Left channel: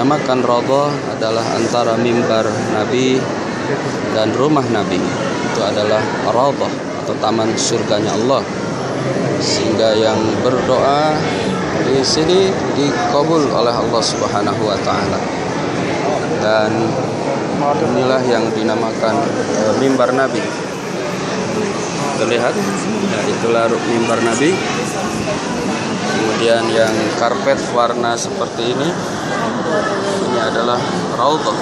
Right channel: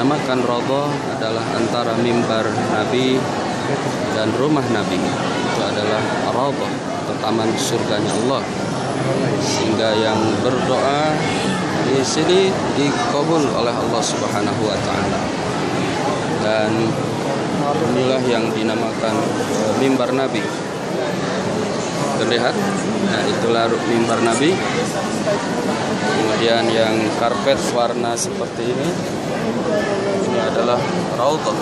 dinamakan Raudhah adalah antara mimbar Nabi dan rumah Nabi. Itu adalah Raudhah atau taman surganya Allah. Sehingga yang berdoa di sini dikabul oleh Allah Subhanahu wa taala. Dan inilah yang dinamakan mimbar Nabi. Terlihat, ya, itulah mimbar Nabi. Kemudian yang karpet warna seperti ini adalah Raudhah.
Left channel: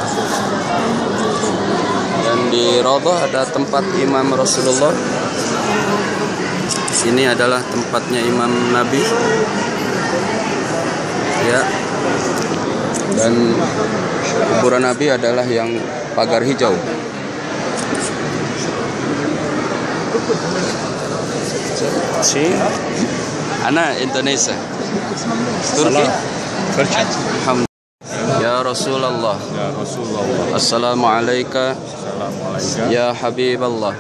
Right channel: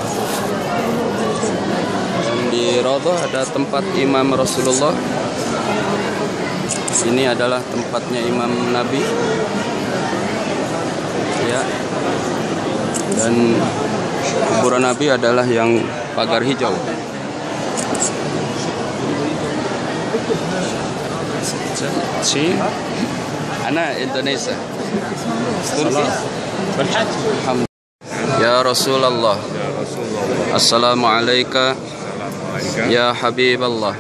Dan di Raudhah ada tempat Imam Rasulullah. Sini adalah tempatnya Imam Nabi. Ya. Dan kuburan Nabi adalah yang pagar hijau. Ana Indonesia. Turki. Ya Rasulullah. Assalamualaikum ya Habiballah.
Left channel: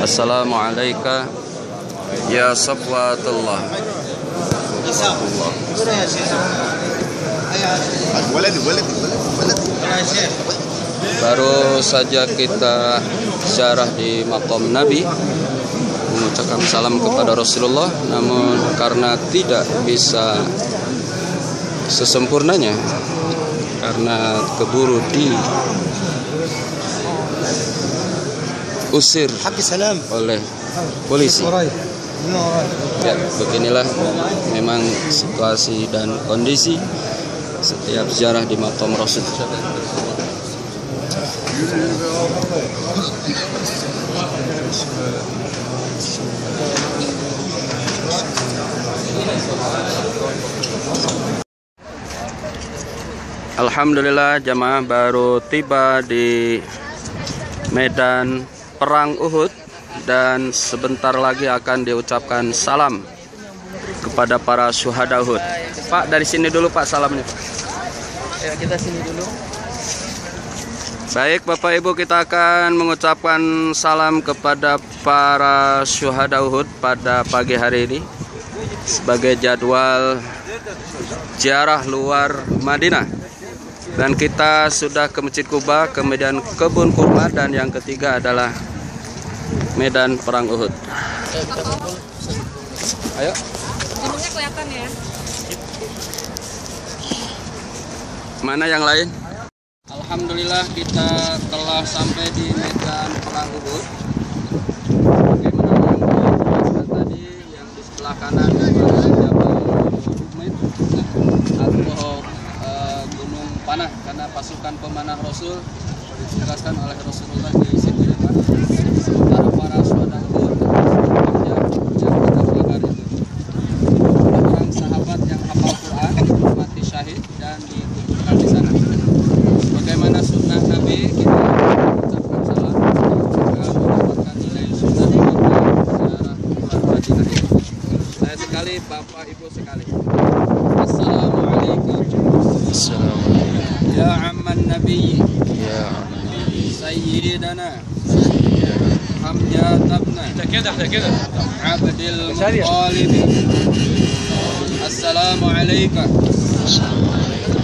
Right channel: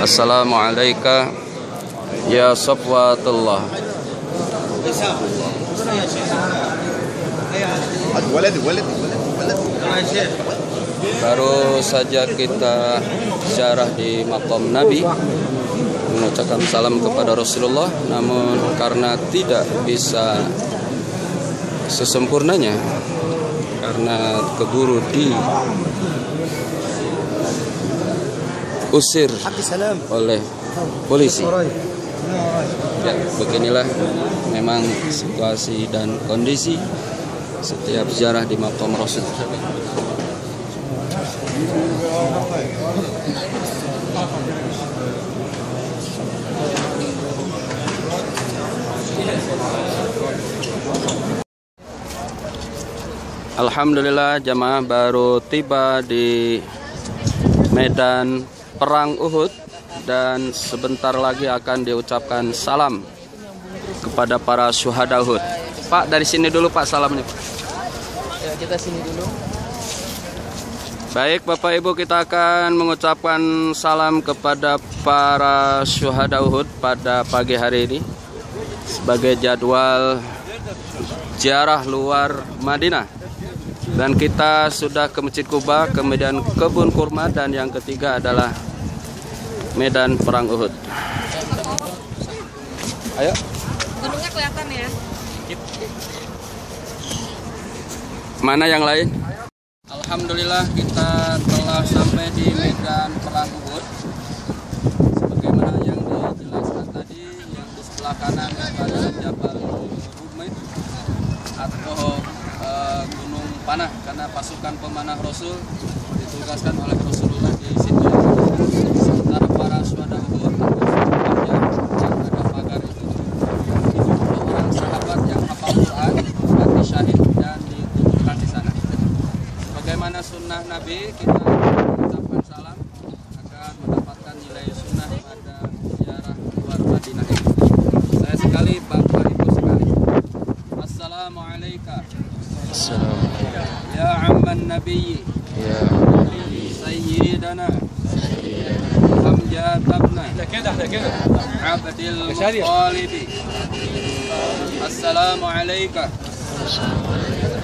Assalamualaikum ya Safwatullah. Baru saja kita ziarah di makam Nabi, mengucapkan salam kepada Rasulullah, namun karena tidak bisa sesempurnanya karena keburu diusir oleh polisi. Ya, beginilah memang situasi dan kondisi setiap ziarah di makam Rasul. Alhamdulillah, jamaah baru tiba di medan perang Uhud dan sebentar lagi akan diucapkan salam kepada para syuhada Uhud. Pak, dari sini dulu Pak salamnya, Pak. Ya, kita sini dulu. Baik Bapak Ibu, kita akan mengucapkan salam kepada para syuhada Uhud pada pagi hari ini sebagai jadwal ziarah luar Madinah. Dan kita sudah ke Masjid Kuba, kemudian kebun kurma, dan yang ketiga adalah medan perang Uhud. Ayo. Gunungnya kelihatan ya. Mana yang lain? Alhamdulillah kita telah sampai di medan perang Uhud. Bagaimana yang jelaskan tadi, yang di sebelah kanan Jabal Uhud atau Gunung Panah, karena pasukan pemanah Rasul ditugaskan oleh Rasulullah di situ. Sementara para syuhada Uhud yang ada pagar itu 70 orang sahabat yang hafal Quran mati syahid dan dikuburkan di sana. Bagaimana sunnah Nabi, kita mengucapkan salam juga mendapatkan nilai sunnah pada seorang keluarga ini. Saya sekali, Bapak Ibu sekali. Assalamualaikum. Assalamualaikum. Ya amman Nabi. Ya Sayyidana. Hamzah tabna. Abdul Muttalib. Assalamualaikum.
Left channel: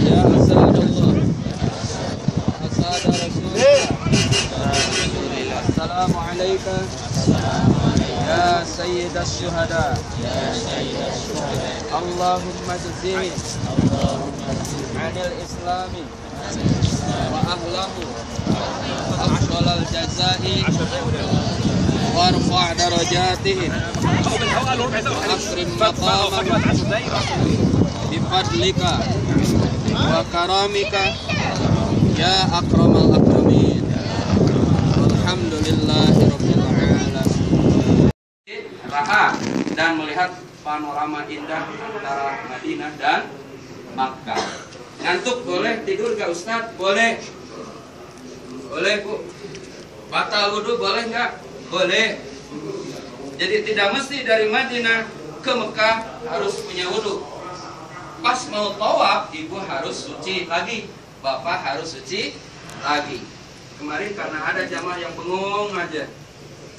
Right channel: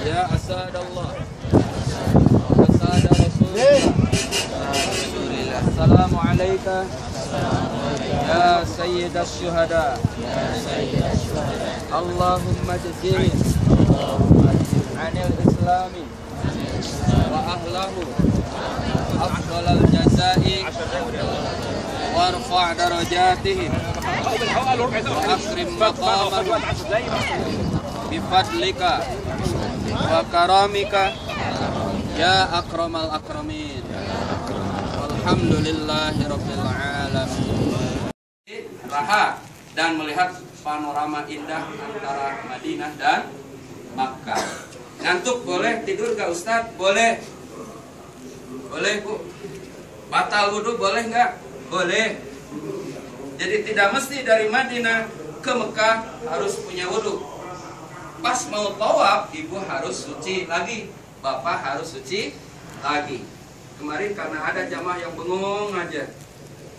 Ya Asadallah. Asada Rasulullah. Assalamualaikum. Ya Sayyidas Syuhada. Allahumma jazih anil islami wa ahlahu afdalal jazai warfa' darajatihim wa akrim maqamahum bifadlika wa karamika ya akramal akramin. Alhamdulillahirabbil alamin. Raha dan melihat panorama indah antara Madinah dan Makkah. Ngantuk boleh, tidur gak Ustadz? Boleh. Boleh Bu. Batal wudhu boleh nggak? Boleh. Jadi tidak mesti dari Madinah ke Mekah harus punya wudhu. Pas mau tawaf, ibu harus suci lagi, bapak harus suci lagi. Kemarin karena ada jamaah yang bengong aja.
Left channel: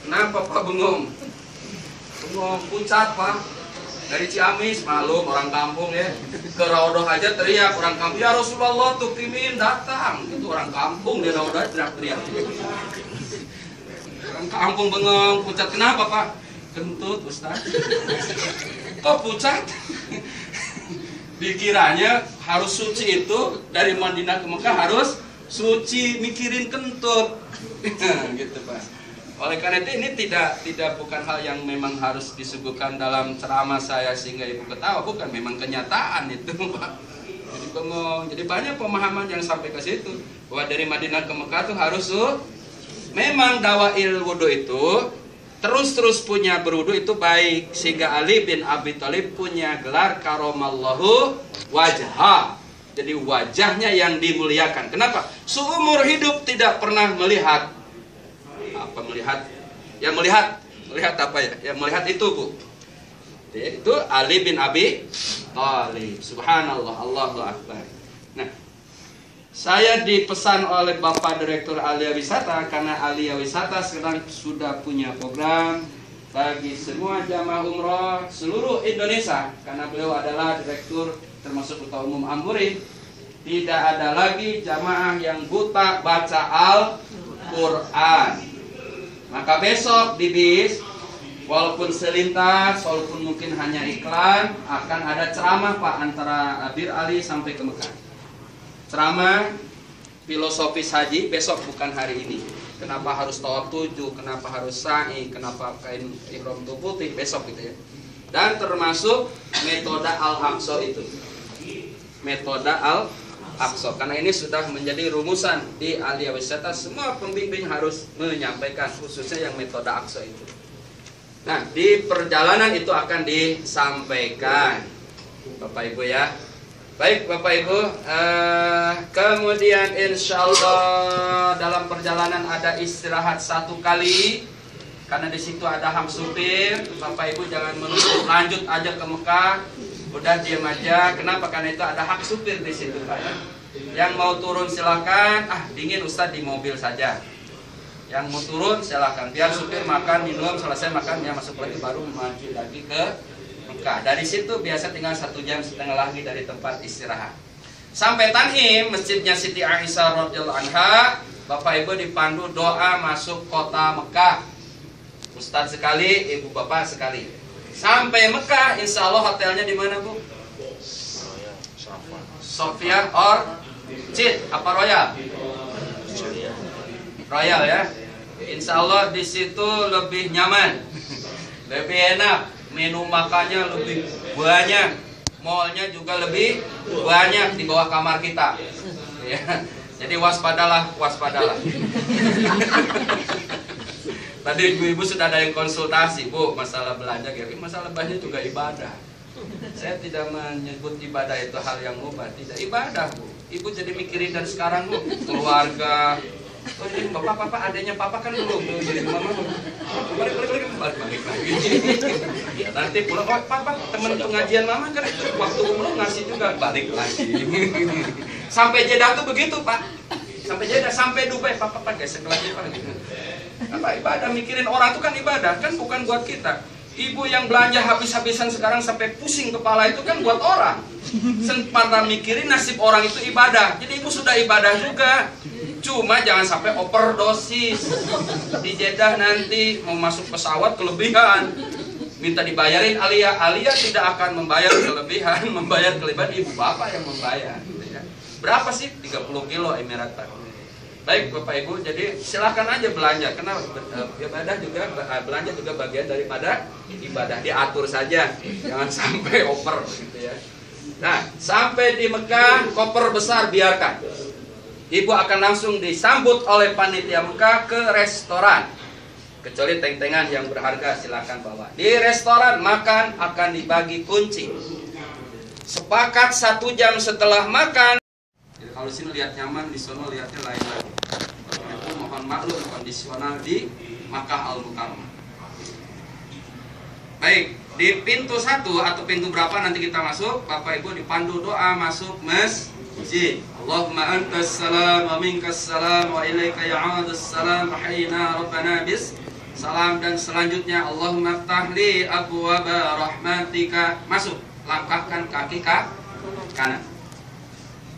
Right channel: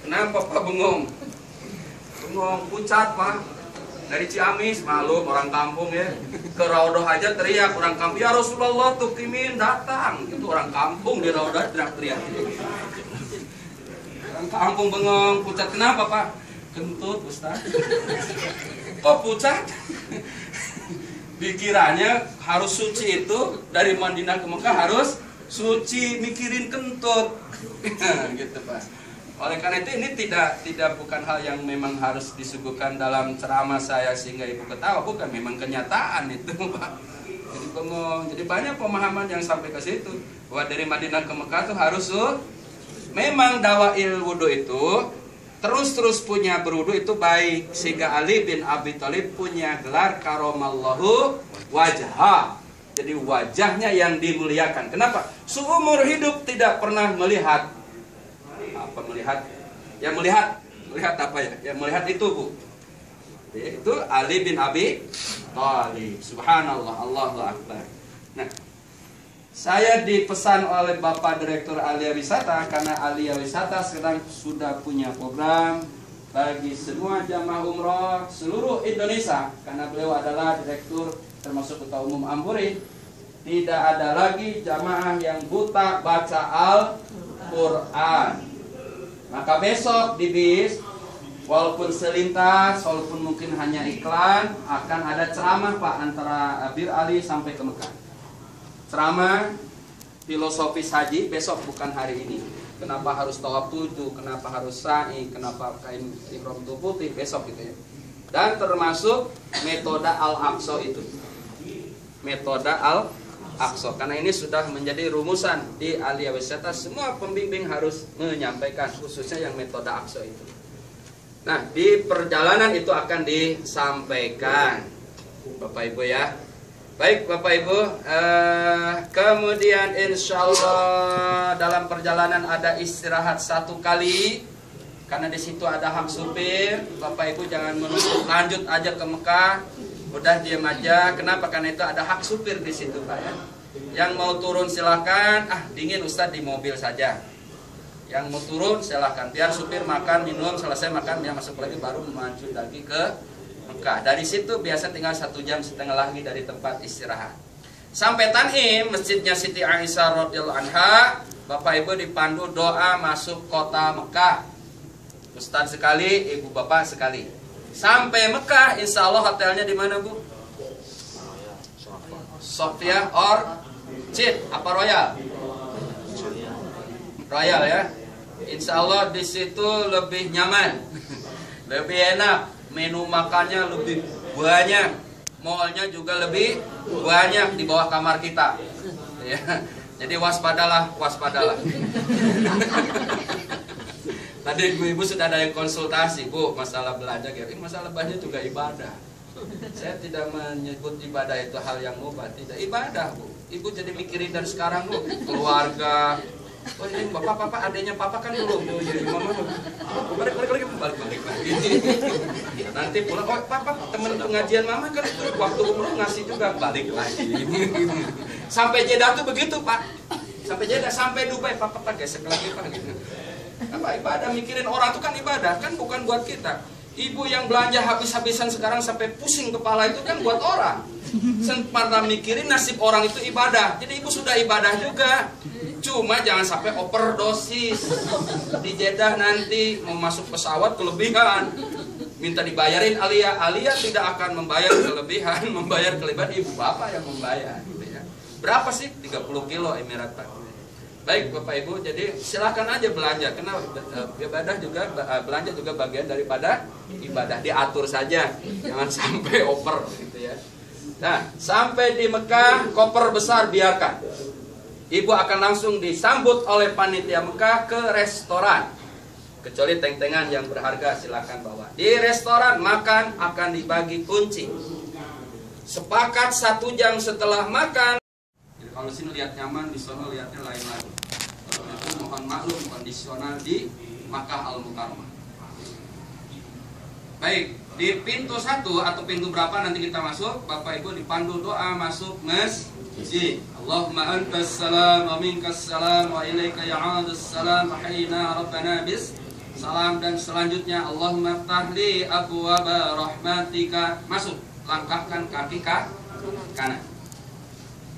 Kenapa Pak bengong? Bengong, pucat Pak. Dari Ciamis, malum orang kampung ya. Ke Raudah aja teriak orang kampung, ya Rasulullah tuktimin datang. Itu orang kampung di Raudah teriak-teriak. Orang kampung bengong, pucat kenapa Pak? Kentut Ustaz. Kok pucat? Pikirannya harus suci itu dari Madinah ke Mekah harus suci, mikirin kentut. Gitu Pak. Oleh karena itu ini tidak bukan hal yang memang harus disuguhkan dalam ceramah saya sehingga ibu ketawa, bukan, memang kenyataan itu Pak. Jadi bengong, jadi banyak pemahaman yang sampai ke situ bahwa dari Madinah ke Mekah tuh harus memang dawail wudu itu terus punya berwudu itu baik, sehingga Ali bin Abi Thalib punya gelar karomallahu wajha. Jadi wajahnya yang dimuliakan. Kenapa? Seumur hidup tidak pernah melihat apa melihat apa ya? Yang melihat itu Bu. Itu Ali bin Abi Thalib. Subhanallah, Allahu Akbar. Nah, saya dipesan oleh Bapak Direktur Alia Wisata karena Alia Wisata sekarang sudah punya program bagi semua jamaah umroh seluruh Indonesia karena beliau adalah direktur termasuk Ketua Umum Ampuri. Tidak ada lagi jamaah yang buta baca Al-Quran. Maka besok di bis, walaupun selintas, walaupun mungkin hanya iklan, akan ada ceramah Pak antara Bir Ali sampai ke Mekah. Ceramah filosofis haji besok, bukan hari ini. Kenapa harus tawaf 7, kenapa harus sa'i, kenapa kain ihram itu putih, besok gitu ya. Dan termasuk metode Al-Aqsa itu. Metode Al-Aqsa, karena ini sudah menjadi rumusan di Alia Wisata, semua pembimbing harus menyampaikan, khususnya yang metode Aqsa itu. Nah, di perjalanan itu akan disampaikan Bapak Ibu ya. Baik Bapak Ibu, kemudian insya Allah dalam perjalanan ada istirahat 1 kali, karena di situ ada ham supir. Bapak Ibu jangan menunggu lanjut aja ke Mekah, udah diam aja. Kenapa? Karena itu ada hak supir di situ Pak ya. Yang mau turun silakan, dingin Ustadz di mobil saja. Yang mau turun silakan, biar supir makan minum, selesai makan dia masuk lagi baru maju lagi ke Mekah. Dari situ biasa tinggal 1,5 jam lagi dari tempat istirahat. Sampai Tan'im, masjidnya Siti Aisyah radhiyallahu anha, Bapak Ibu dipandu doa masuk kota Mekah. Ustadz sekali, Ibu Bapak sekali. Sampai Mekah, insya Allah hotelnya di mana Bu? Sofia Orchid, apa Royal? Royal ya. Insya Allah di situ lebih nyaman, lebih enak. Menu makannya lebih banyak, mallnya juga lebih banyak di bawah kamar kita. Ya. Jadi waspadalah. Tadi ibu-ibu sudah ada yang konsultasi, Bu, masalah belanja, masalah belanja juga ibadah. Saya tidak menyebut ibadah itu hal yang mubah, tidak, ibadah Bu. Ibu jadi mikirin dari sekarang Bu, keluarga. Oh ini bapak, adanya papa kan belum jadi mama. Balik lagi. Nanti pulang, oh papa teman pengajian mama kan waktu umroh ngasih juga, balik lagi. Sampai Jeddah tuh begitu Pak. Sampai Jeddah, sampai Dubai, papa gesek lagi Pak. Apa ibadah, mikirin orang itu kan ibadah, kan bukan buat kita. Ibu yang belanja habis-habisan sekarang sampai pusing kepala itu kan buat orang. Sempat mikirin nasib orang itu ibadah. Jadi ibu sudah ibadah juga. Cuma jangan sampai overdosis. Di Jeddah nanti mau masuk pesawat kelebihan, minta dibayarin Alia. Alia tidak akan membayar kelebihan, membayar kelebihan ibu bapak yang membayar. Berapa sih? 30 kilo Emirat Pak. Baik Bapak Ibu, jadi silakan aja belanja, karena ibadah juga, belanja juga bagian daripada ibadah, diatur saja, jangan sampai over gitu ya. Nah, sampai di Mekah, koper besar biarkan. Ibu akan langsung disambut oleh panitia Mekah ke restoran. Kecuali teng-tengan yang berharga silakan bawa. Di restoran makan akan dibagi kunci. Sepakat 1 jam setelah makan. Jadi kalau sini lihat nyaman, di sana lihatnya lain lagi. Itu mohon maklum kondisional di Makkah Al-Mukarramah. Baik, di pintu 1 atau pintu berapa nanti kita masuk, Bapak Ibu dipandu doa masuk masjid. Allahumma antas salam wa minkas salam wa ilaika ya'udus salam wa hayyina rabbana bis salam, dan selanjutnya Allahumma ftahli abwaaba rahmatika, masuk, langkahkan kaki kanan.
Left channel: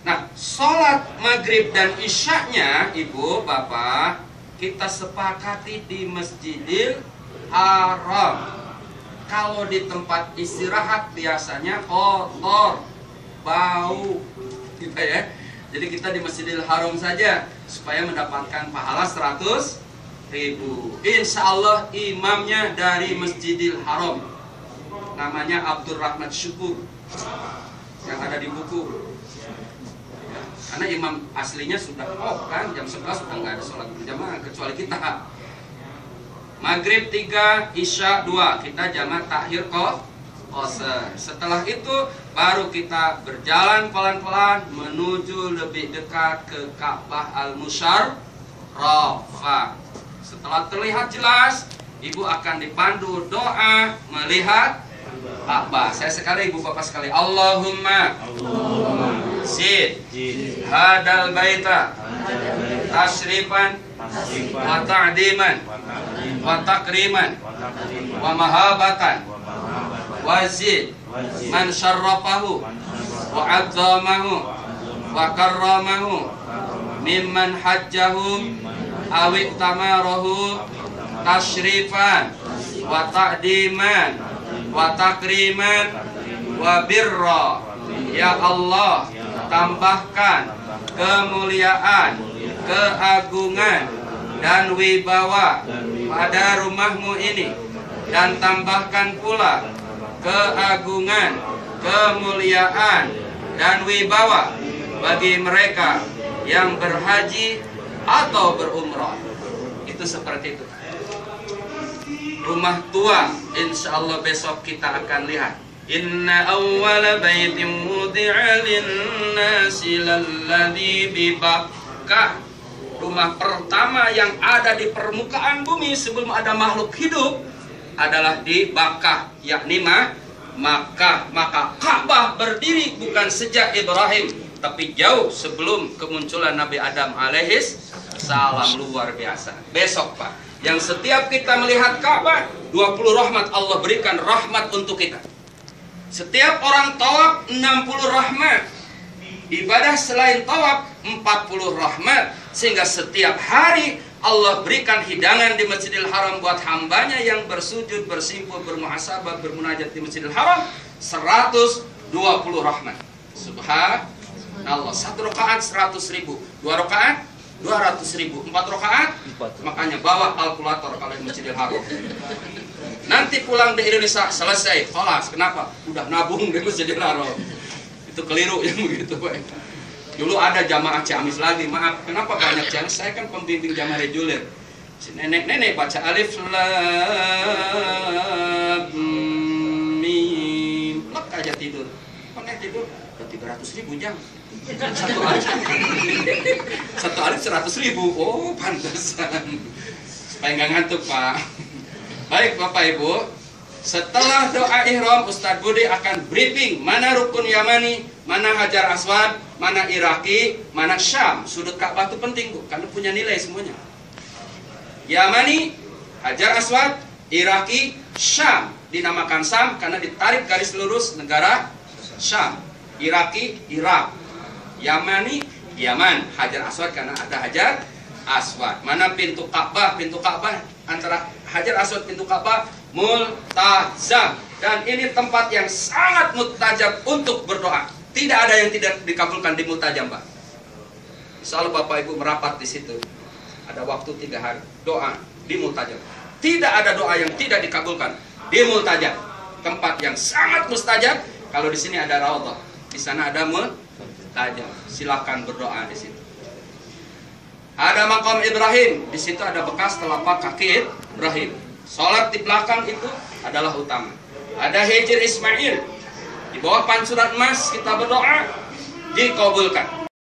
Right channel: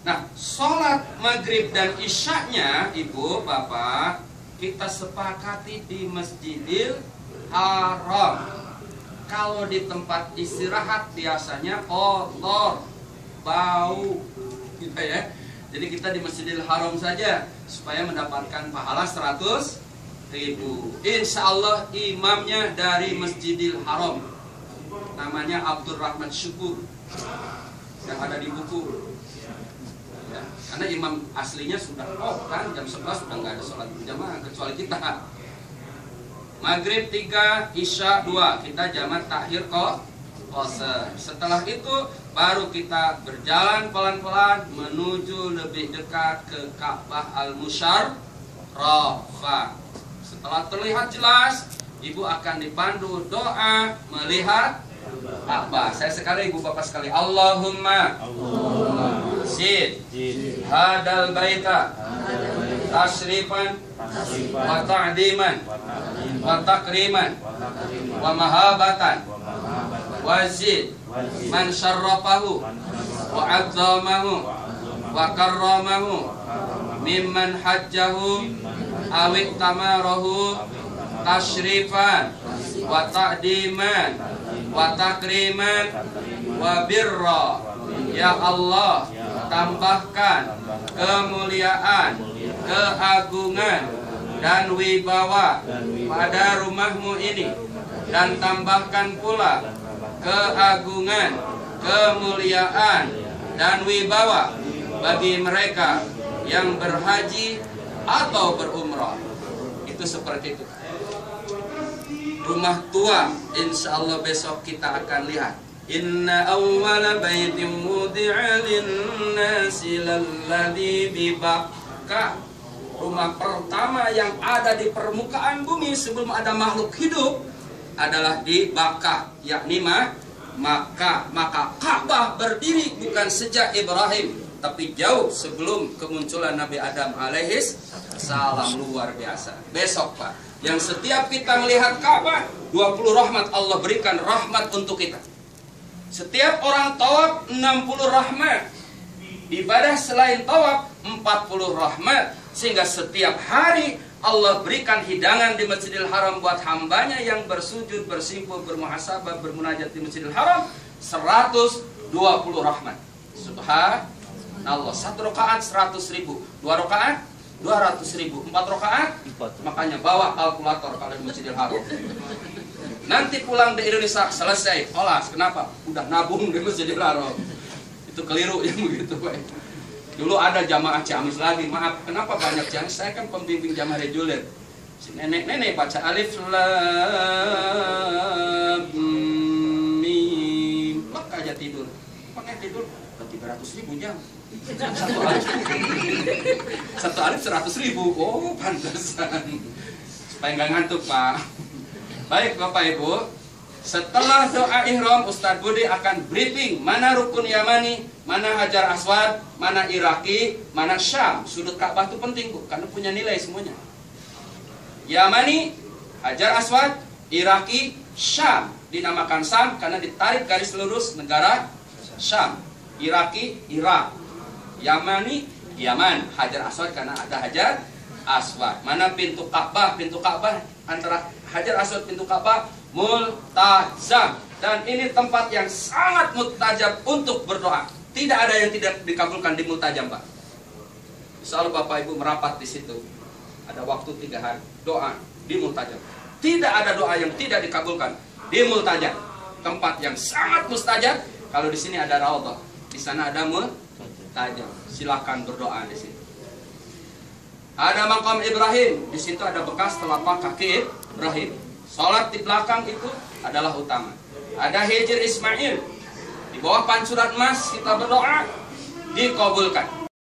Nah, sholat maghrib dan isyaknya, ibu bapak, kita sepakati di Masjidil Haram. Kalau di tempat istirahat biasanya kotor, bau, gitu ya. Jadi kita di Masjidil Haram saja supaya mendapatkan pahala 100.000. Insya Allah imamnya dari Masjidil Haram, namanya Abdurrahman Syukur, yang ada di buku. Ya, karena imam aslinya sudah kan jam 11 sudah nggak ada sholat berjamaah kecuali kita. Maghrib 3, Isya 2, kita jamak takhir qasar. Setelah itu baru kita berjalan pelan-pelan menuju lebih dekat ke Ka'bah Al-Musyarrafah. Setelah terlihat jelas, ibu akan dipandu doa melihat Ka'bah. Saya sekali, ibu bapak sekali, Allahumma zid hadal baita tasrifan wa ta'diman wa takriman wa mahabatan wa zid man syarrafahu wa adzamahu wa karramahu mimman hajjahu awik tamarahu tasrifan wa ta'diman wa takriman wa birra. Ya Allah, tambahkan kemuliaan, keagungan dan wibawa pada rumahmu ini, dan tambahkan pula keagungan, kemuliaan dan wibawa bagi mereka yang berhaji atau berumrah. Itu seperti itu. Rumah tua, insya Allah besok kita akan lihat. Inna awwala baitin wudi'a lin-nasi lalladzi bi Bakkah. Rumah pertama yang ada di permukaan bumi sebelum ada makhluk hidup adalah di Bakkah, yakni Makkah. Maka Ka'bah berdiri bukan sejak Ibrahim, tapi jauh sebelum kemunculan Nabi Adam alaihis salam. Luar biasa. Besok Pak, yang setiap kita melihat Ka'bah, 20 rahmat Allah berikan rahmat untuk kita. Setiap orang tawaf 60 rahmat. Ibadah selain tawaf 40 rahmat. Sehingga setiap hari Allah berikan hidangan di Masjidil Haram buat hambanya yang bersujud, bersimpuh, bermuhasabah, bermunajat di Masjidil Haram 120 rahmat. Subhanallah. 1 rakaat 100.000, 2 rakaat 200.000, 4 rakaat, makanya bawa kalkulator kalau di Masjidil Haram. Nanti pulang di Indonesia selesai, kelas. Kenapa? Udah nabung di Masjidil Haram. Itu keliru yang begitu Pak. Dulu ada jamaah Ciamis lagi, maaf, kenapa banyak Ciamis? Saya kan pembimbing jamaah reguler. Si nenek-nenek baca alif lam mim, lek aja tidur. Pakai tidur udah 300.000 jam. Satu alif 100.000. Oh, pantesan. Supaya nggak ngantuk Pak. Baik Bapak Ibu, setelah doa ihram Ustadz Budi akan briefing mana rukun Yamani, mana Hajar Aswad, mana Iraki, mana Syam. Sudut Ka'bah itu penting Bu, karena punya nilai semuanya. Yamani, Hajar Aswad, Iraki, Syam. Dinamakan Syam karena ditarik garis lurus negara Syam. Iraki, Irak. Yamani, Yaman. Hajar Aswad karena ada Hajar Aswad. Mana pintu Ka'bah? Pintu Ka'bah antara Hajar Aswad pintu Ka'bah multazam, dan ini tempat yang sangat mustajab untuk berdoa. Tidak ada yang tidak dikabulkan di multazam Pak. Insya Bapak Ibu merapat di situ. Ada waktu 3 hari doa di multazam. Tidak ada doa yang tidak dikabulkan di multazam. Tempat yang sangat mustajab. Kalau di sini ada raudhah, di sana ada multazam. Silakan berdoa di situ. Ada makam Ibrahim, di situ ada bekas telapak kaki Ibrahim. Salat di belakang itu adalah utama. Ada Hijr Ismail, di bawah pancuran emas kita berdoa dikabulkan.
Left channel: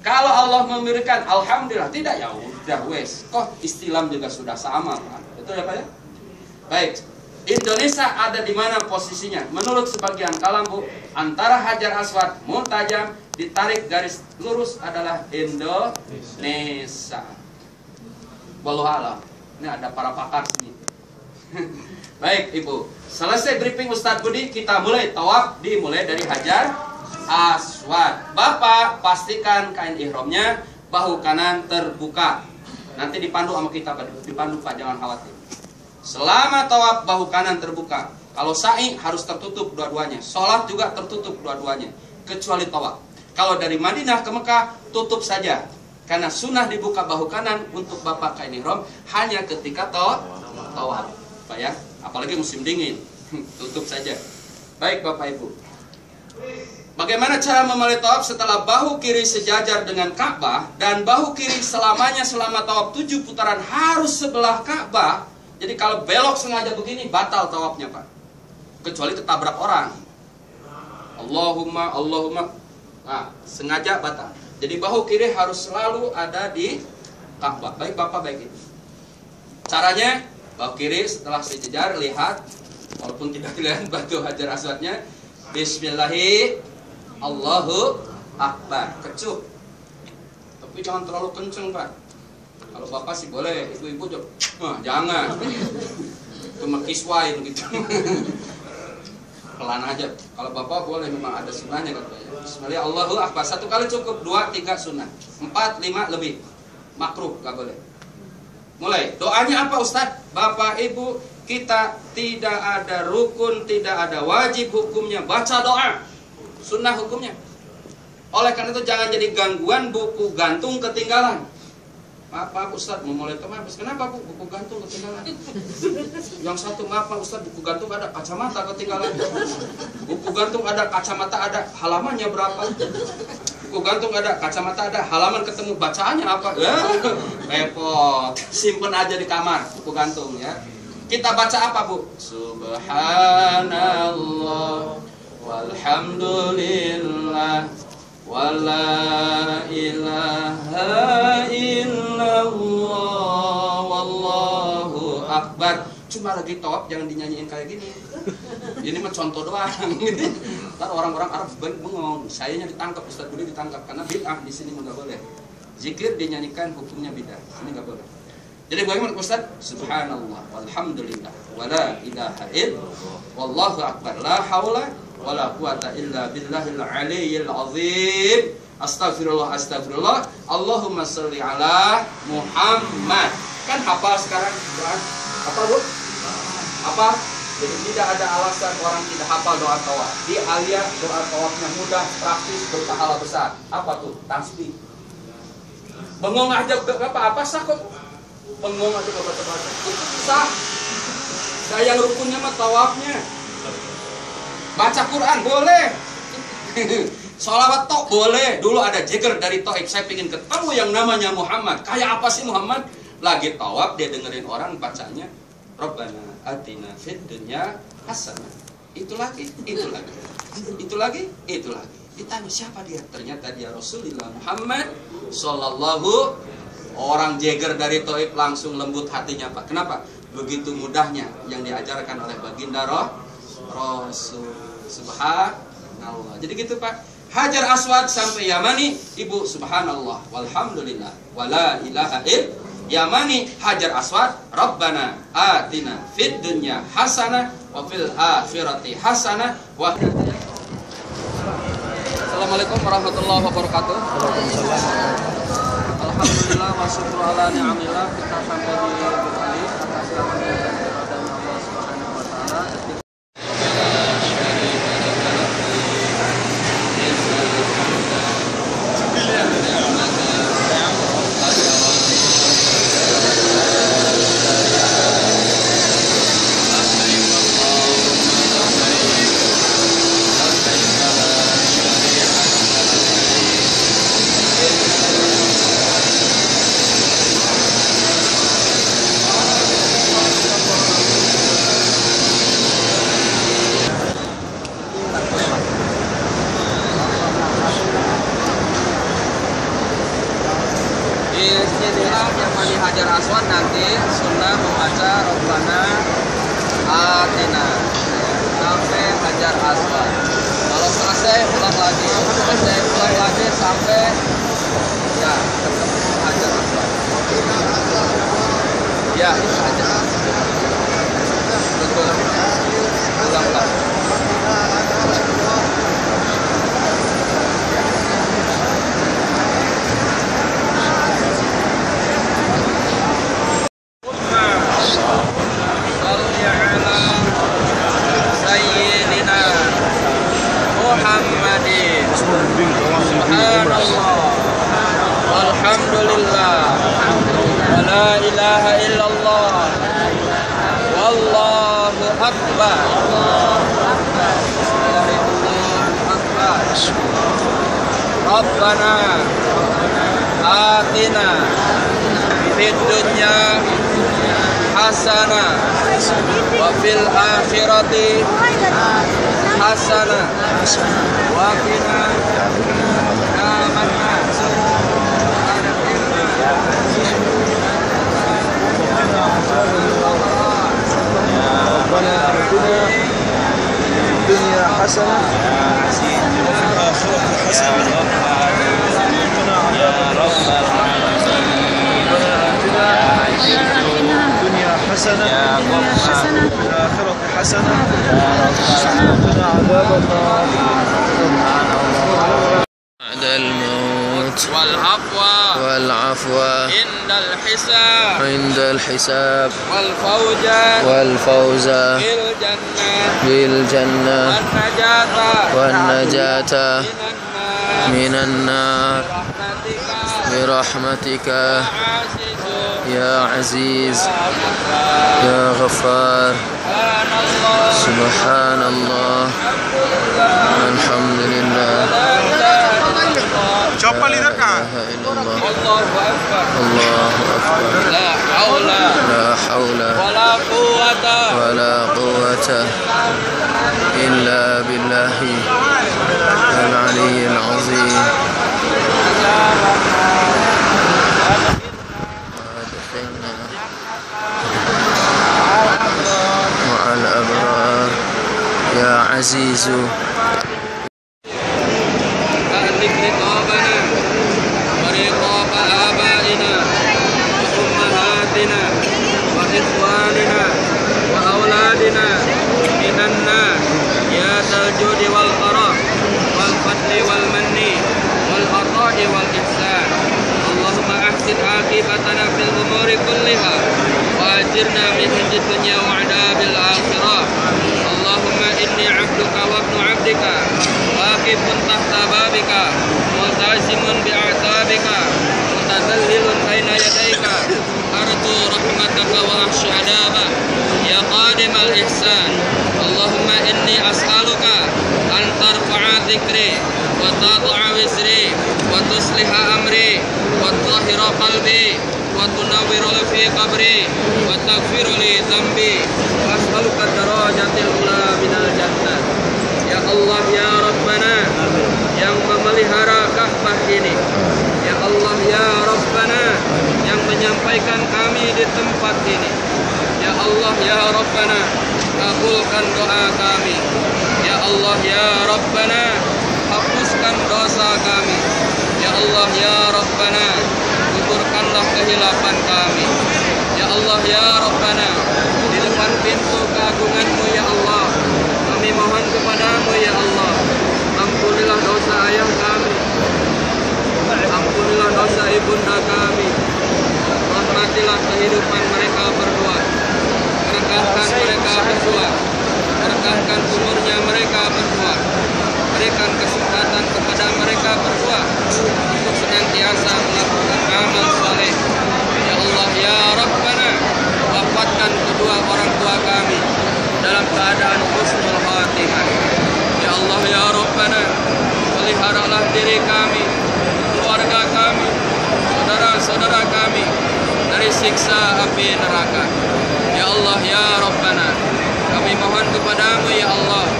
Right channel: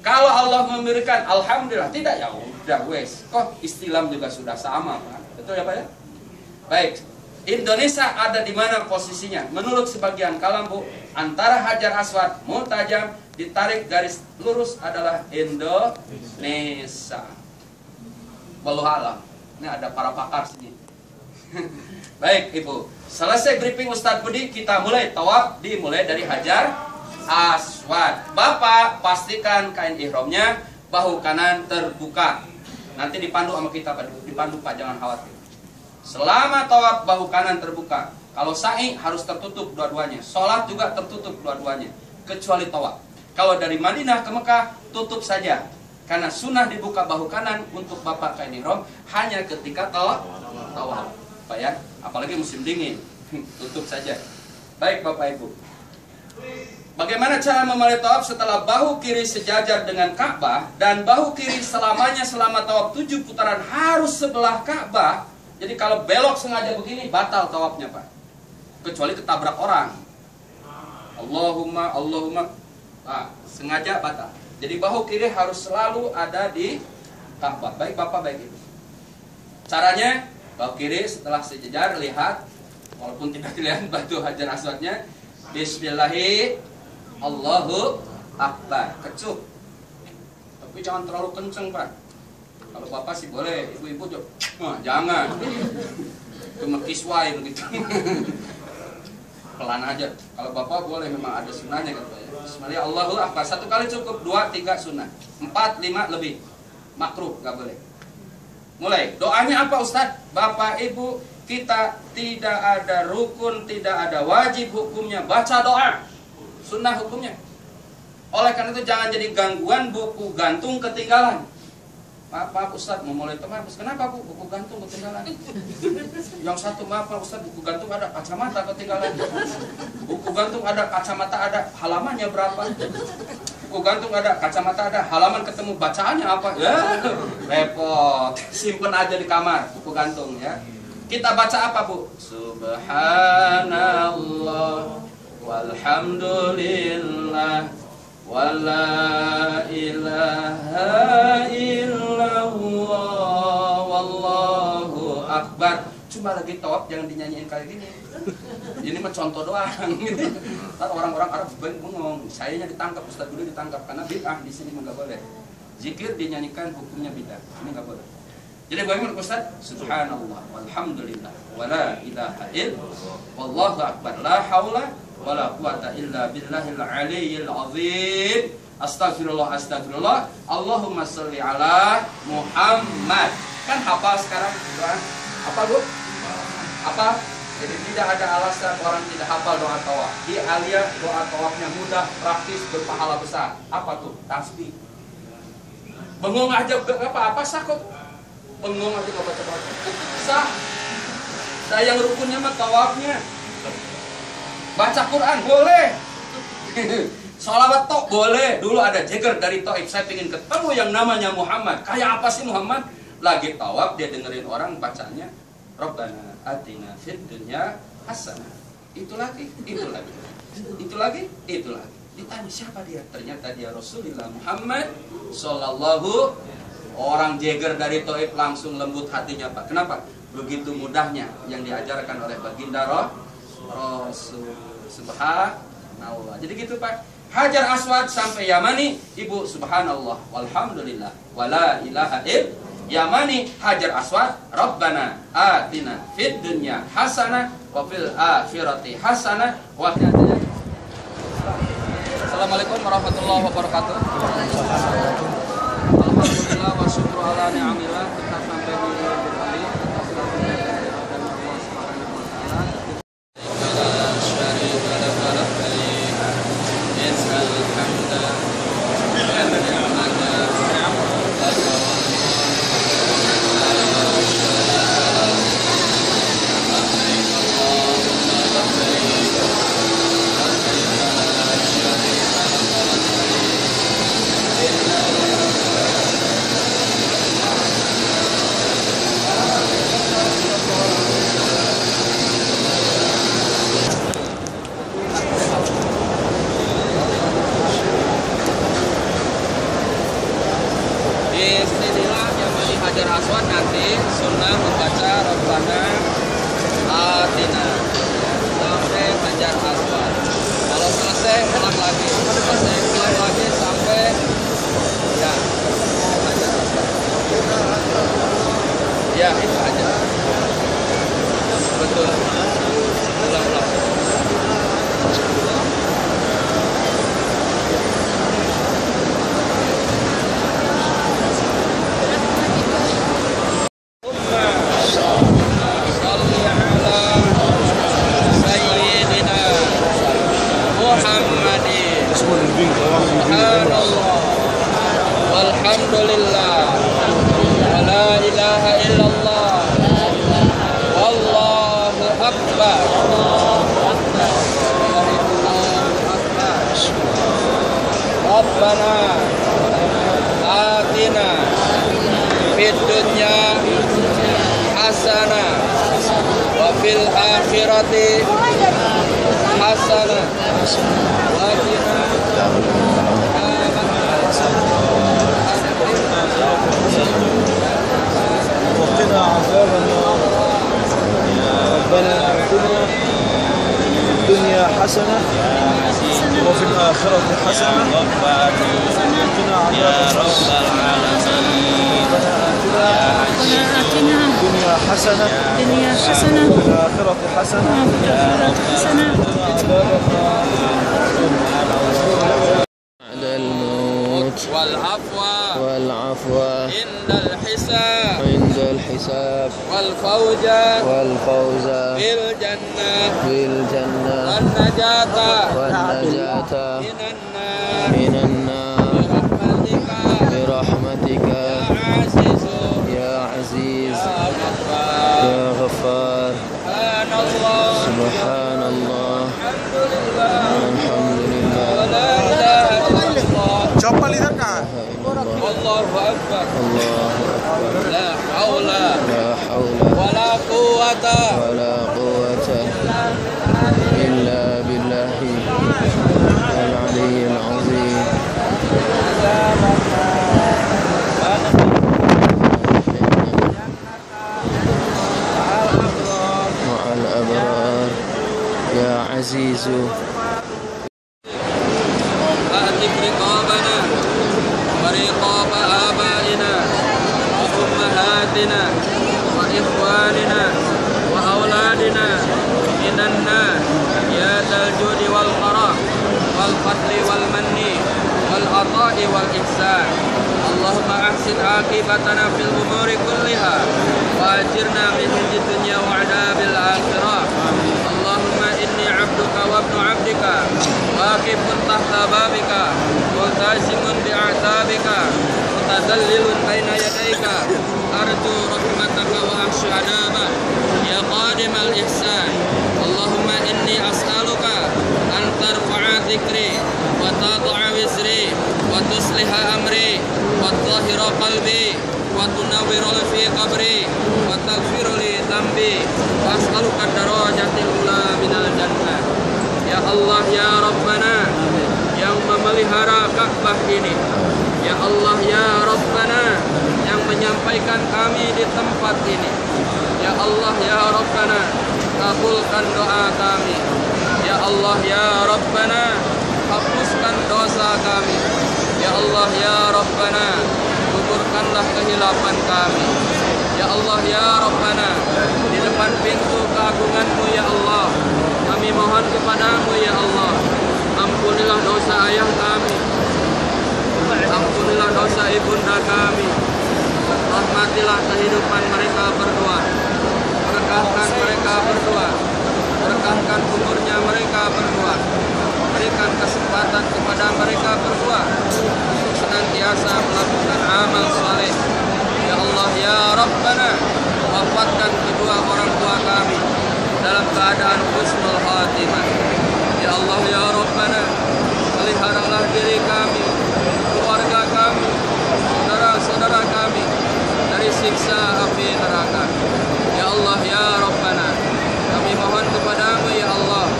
Kalau Allah memberikan, alhamdulillah. Tidak, ya udah wes. Oh, istilam juga sudah sama Pak. Betul ya Pak ya? Baik. Indonesia ada di mana posisinya? Menurut sebagian kalam Bu, antara Hajar Aswad, multazam, ditarik garis lurus adalah Indonesia. Wallahu a'lam. Ini ada para pakar sini. Baik Ibu, selesai briefing Ustadz Budi, kita mulai tawaf, dimulai dari Hajar Aswad. Bapak pastikan kain ihramnya bahu kanan terbuka. Nanti dipandu sama kita Pak, dipandu Pak, jangan khawatir. Selama tawaf bahu kanan terbuka. Kalau sa'i harus tertutup dua-duanya. Sholat juga tertutup dua-duanya, kecuali tawaf. Kalau dari Madinah ke Mekah tutup saja. Karena sunnah dibuka bahu kanan untuk Bapak kain ihram hanya ketika tawaf. Pak ya, apalagi musim dingin. Tutup saja. Baik Bapak Ibu. Bagaimana cara memulai tawaf setelah bahu kiri sejajar dengan Ka'bah dan bahu kiri selamanya selama tawaf 7 putaran harus sebelah Ka'bah. Jadi kalau belok sengaja begini batal tawafnya Pak. Kecuali ketabrak orang. Allahumma. Nah, sengaja batal. Jadi bahu kiri harus selalu ada di Ka'bah. Baik Bapak, baik Ibu. Caranya bahu kiri setelah sejajar lihat, walaupun tidak dilihat batu Hajar Aswadnya, Bismillahirrahmanirrahim, Allahu Akbar, kecup. Tapi jangan terlalu kenceng Pak. Kalau Bapak sih boleh, ibu-ibu jangan. Cuma kiswai begitu. Pelan aja. Kalau Bapak boleh, memang ada sunnahnya katanya. Bismillah, Allahu Akbar. 1 kali cukup, 2, 3 sunnah, 4, 5 lebih. Makruh, nggak boleh. Mulai. Doanya apa Ustadz? Bapak Ibu, kita tidak ada rukun, tidak ada wajib hukumnya. Baca doa. Sunnah hukumnya. Oleh karena itu jangan jadi gangguan buku gantung ketinggalan. Maaf Ustadz, mau mulai teman. Kenapa Bu? Buku gantung ketinggalan. Yang satu, maaf Pak Ustadz, buku gantung ada kacamata ketinggalan. Buku gantung ada kacamata, ada halamannya berapa. Buku gantung ada kacamata, ada halaman ketemu bacaannya apa. Repot. Simpen aja di kamar buku gantung ya. Kita baca apa Bu? Subhanallah walhamdulillah wala ilaha illallah wallahu akbar. Cuma lagi tawaf jangan dinyanyiin kayak gini. Ini mah contoh doang. Ntar orang-orang Arab bengong, sayanya ditangkap, Ustadz Budi ditangkap karena bid'ah di sini nggak boleh. Zikir dinyanyikan hukumnya bid'ah, ini nggak boleh. Jadi bagaimana Ustadz? Subhanallah, walhamdulillah, wala ilaha illallah, wallahu akbar, la haula wala quwata illa billahil aliyyil azim. Astagfirullah, astagfirullah. Allahumma sholli ala Muhammad. Kan hafal sekarang doa. Apa Bu? Apa? Jadi tidak ada alasan orang tidak hafal doa tawaf. Di alia doa tawafnya mudah, praktis, berpahala besar. Apa tuh? Tasbih. Bengong aja apa sah kok? Bengong aja baca. Sah. Sayang rukunnya mah tawafnya. Baca Quran boleh. Sholawat tok boleh. Dulu ada jeger dari Taif, saya ingin ketemu yang namanya Muhammad. Kayak apa sih Muhammad? Lagi tawaf dia dengerin orang bacanya Rabbana atina fid dunya hasanah. Itu lagi. Ditanya siapa dia? Ternyata dia Rasulullah Muhammad sallallahu. Orang jeger dari Taif langsung lembut hatinya Pak. Kenapa? Begitu mudahnya yang diajarkan oleh baginda Rasul. Subhanallah. Jadi gitu Pak. Hajar Aswad sampai Yamani, Ibu subhanallah walhamdulillah wala ilaha illallah. Yamani Hajar Aswad, Rabbana atina fid dunya hasanah wa fil akhirati hasanah wa Assalamualaikum warahmatullahi wabarakatuh. Alhamdulillah wa syukru ala ni'amillah. Kita sampai di Bukali atas karunia dari Allah Subhanahu wa taala. Hajar Aswad nanti sunnah membaca Rabbana atina ya, sampai Hajar Aswad. Kalau selesai ulang lagi, sampai ya ketemu Hajar Aswad. Ya. walhamdulillah wa la ilaha illallah wallahu akbar. Rabbana atina fid dunya hasanah wa fil akhirati hasanah wa qina ربنا آتنا في الدنيا حسنة وفي الآخرة حسنة وقنا عذاب النار. ربنا آتنا في الدنيا حسنة وفي الآخرة حسنة وقنا عذاب النار. بعد الموت والعفو عند الحساب والفوز بالجنة والنجاة من النار برحمتك يا عزيز يا غفار. سبحان الله والحمد لله الله أكبر لا حول ولا قوة إلا بالله العلي العظيم. مع الأبرار يا عزيز. ورقاب آبائنا وأمهاتنا وإخواننا وأولادنا من النار يا ذا الجود والكرم والفضل والمن والعطاء والإحسان. اللهم أحسن عاقبتنا في الأمور كلها وأجرنا من خزي الدنيا وعذاب الآخرة. اللهم إني عبدك وابن عبدك واقف تحت بابك ملتزم بأعتابك متذلل بين يديك أرجو رحمتك وأخشى عذابك يا قادم الإحسان. اللهم إني أسألك أن ترفع ذكري وتضع وزري وتصلح أمري وتطهر قلبي وتنور في قبري وتغفر لي ذنبي وأسألك الدرجات الأولى من الجنة. Ya Allah ya Rabbana yang memelihara Ka'bah ini, ya Allah ya Rabbana yang menyampaikan kami di tempat ini, ya Allah ya Rabbana kabulkan doa kami, ya Allah ya Rabbana hapuskan dosa kami, ya Allah ya Rabbana gugurkanlah kehilapan kami, ya Allah ya Rabbana di depan pintu keagungan-Mu ya Allah kami mohon kepadamu ya Allah, ampunilah dosa ayah kami, ampunilah dosa ibunda kami, rahmatilah kehidupan mereka berdua, berkahkan mereka berdua, berkahkan umurnya mereka berdua, berikan kesempatan kepada mereka berdua untuk senantiasa melakukan amal saleh. Ya Allah ya Rabbana wafatkan kedua orang tua kami dalam keadaan husnul khatimah. Ya Allah ya Rabbana peliharalah diri kami, keluarga kami, saudara-saudara kami dari siksa api neraka. Ya Allah ya Rabbana kami mohon kepadamu ya Allah,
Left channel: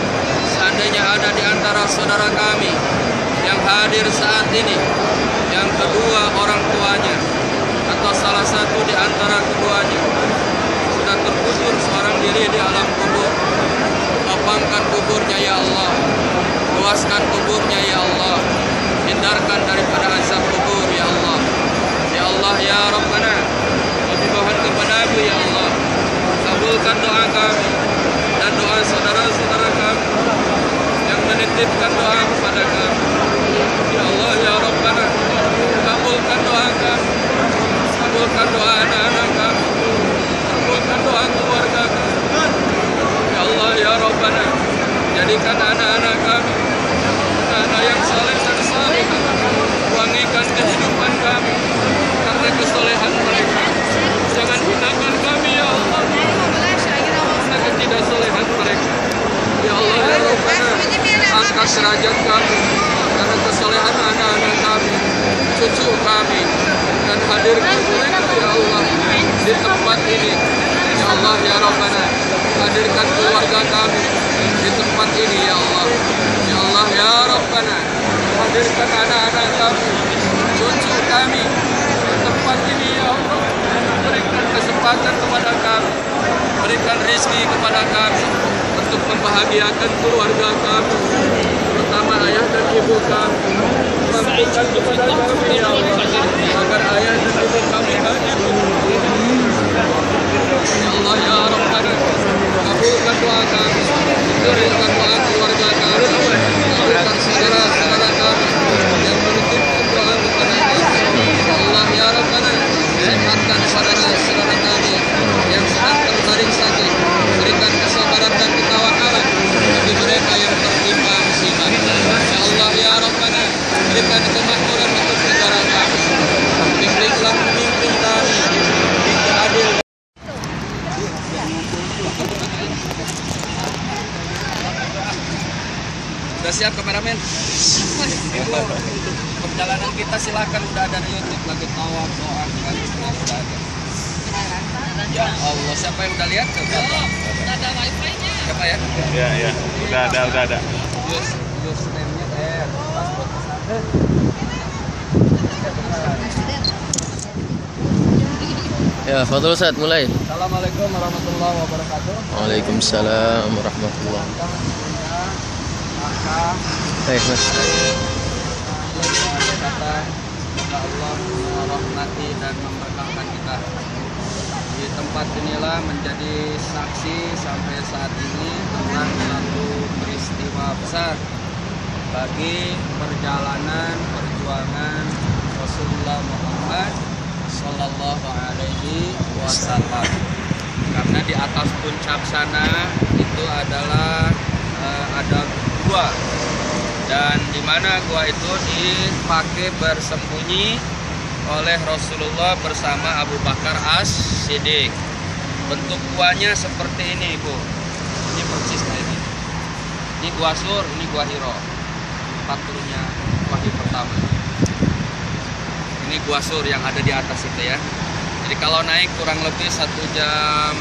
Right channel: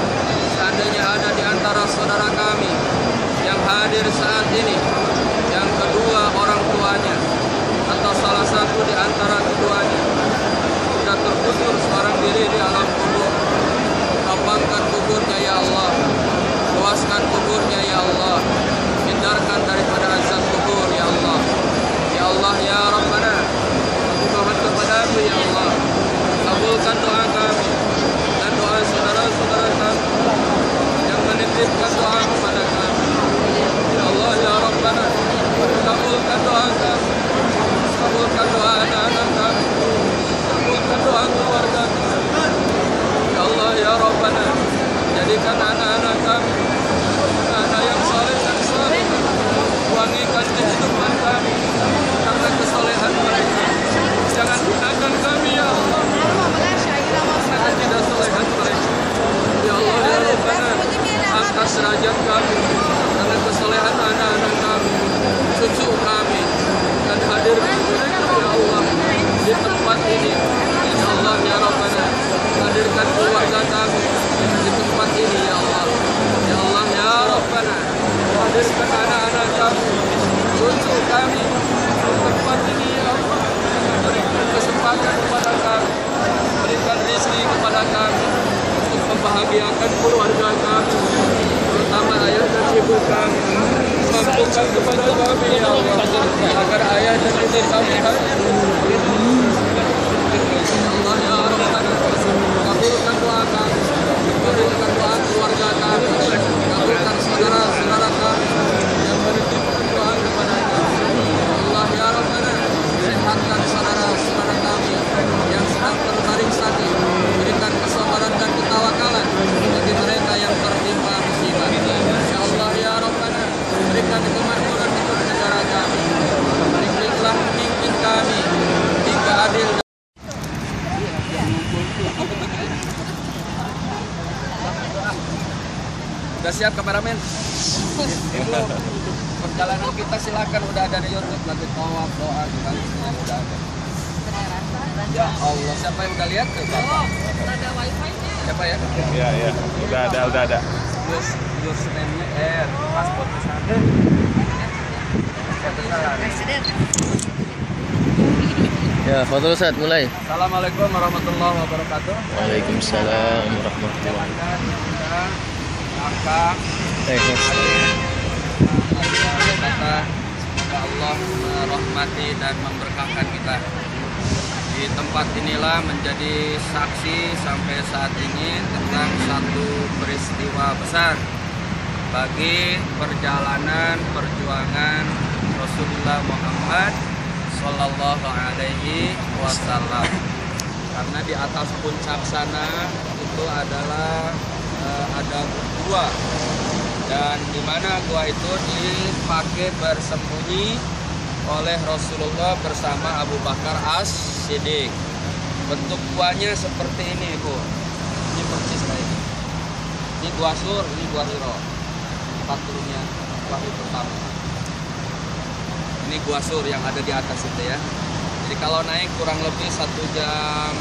seandainya ada di antara saudara kami yang hadir saat ini yang kedua orang tuanya atau salah satu di antara keduanya sudah terkubur seorang diri di alam kubur, lapangkan kuburnya ya Allah, luaskan kuburnya ya Allah, hindarkan daripada azab kubur ya Allah. Ya Allah ya Rabbana kami mohon kepadamu ya Allah, kabulkan doa kami dan doa saudara-saudara kami yang menitipkan doa kepada kami. Ya Allah ya Rabbana kabulkan doa kami, kabulkan doa anak-anak kami, kabulkan doa keluarga kami. Ya Allah ya Rabbana jadikan anak-anak kami anak-anak yang saleh dan salihah, wangikan kehidupan kami lahirkan anak-anak kami, cucu kami di tempat ini ya Allah. Berikan kesempatan kepada kami, berikan rezeki kepada kami untuk membahagiakan keluarga kami, terutama ayah dan ibu kami. Mampukan kepada kami ya Allah, agar ayah dan ibu kami ya Allah ya Rahman, kabulkan doa kami, kabulkan doa keluarga kami, kabulkan saudara-saudara kami yang menitipkan doa kepada kami. Ya Allah ya Rahman, sehatkan saudara-saudara kami yang sedang terbaring sakit, berikan kesabaran dan ketawakalan bagi mereka yang tertimpa musibah. Ya Allah ya Rahman, berikan kemakmuran untuk negara kami, bimbinglah pemimpin kami hingga adil. Udah siap kameramen? Ibu, perjalanan kita silakan, udah ada di YouTube lagi tawaf doa kembali sudah ada. Ya Allah, siapa yang udah lihat tuh? Oh, udah ada wifi-nya. Siapa ya? Ya, udah ada. Your name-nya paspor sana. Presiden. Ya, Fadhil Ustaz, mulai. Assalamualaikum warahmatullahi wabarakatuh. Waalaikumsalam warahmatullahi wabarakatuh. Baik, Mas. Semoga Allah merahmati dan memberkahkan kita. Di tempat inilah menjadi saksi sampai saat ini tentang satu peristiwa besar bagi perjalanan perjuangan Rasulullah Muhammad Sallallahu Alaihi Wasallam. Karena di atas puncak sana itu adalah ada gua, dan di mana gua itu dipakai bersembunyi oleh Rasulullah bersama Abu Bakar As-Siddiq. Bentuk guanya seperti ini, Bu. Ini persis kayak ini. Ini gua Sur, ini gua Hiro. Tempat turunnya wahyu pertama. Ini gua Sur yang ada di atas itu ya. Jadi kalau naik kurang lebih 1,5 jam.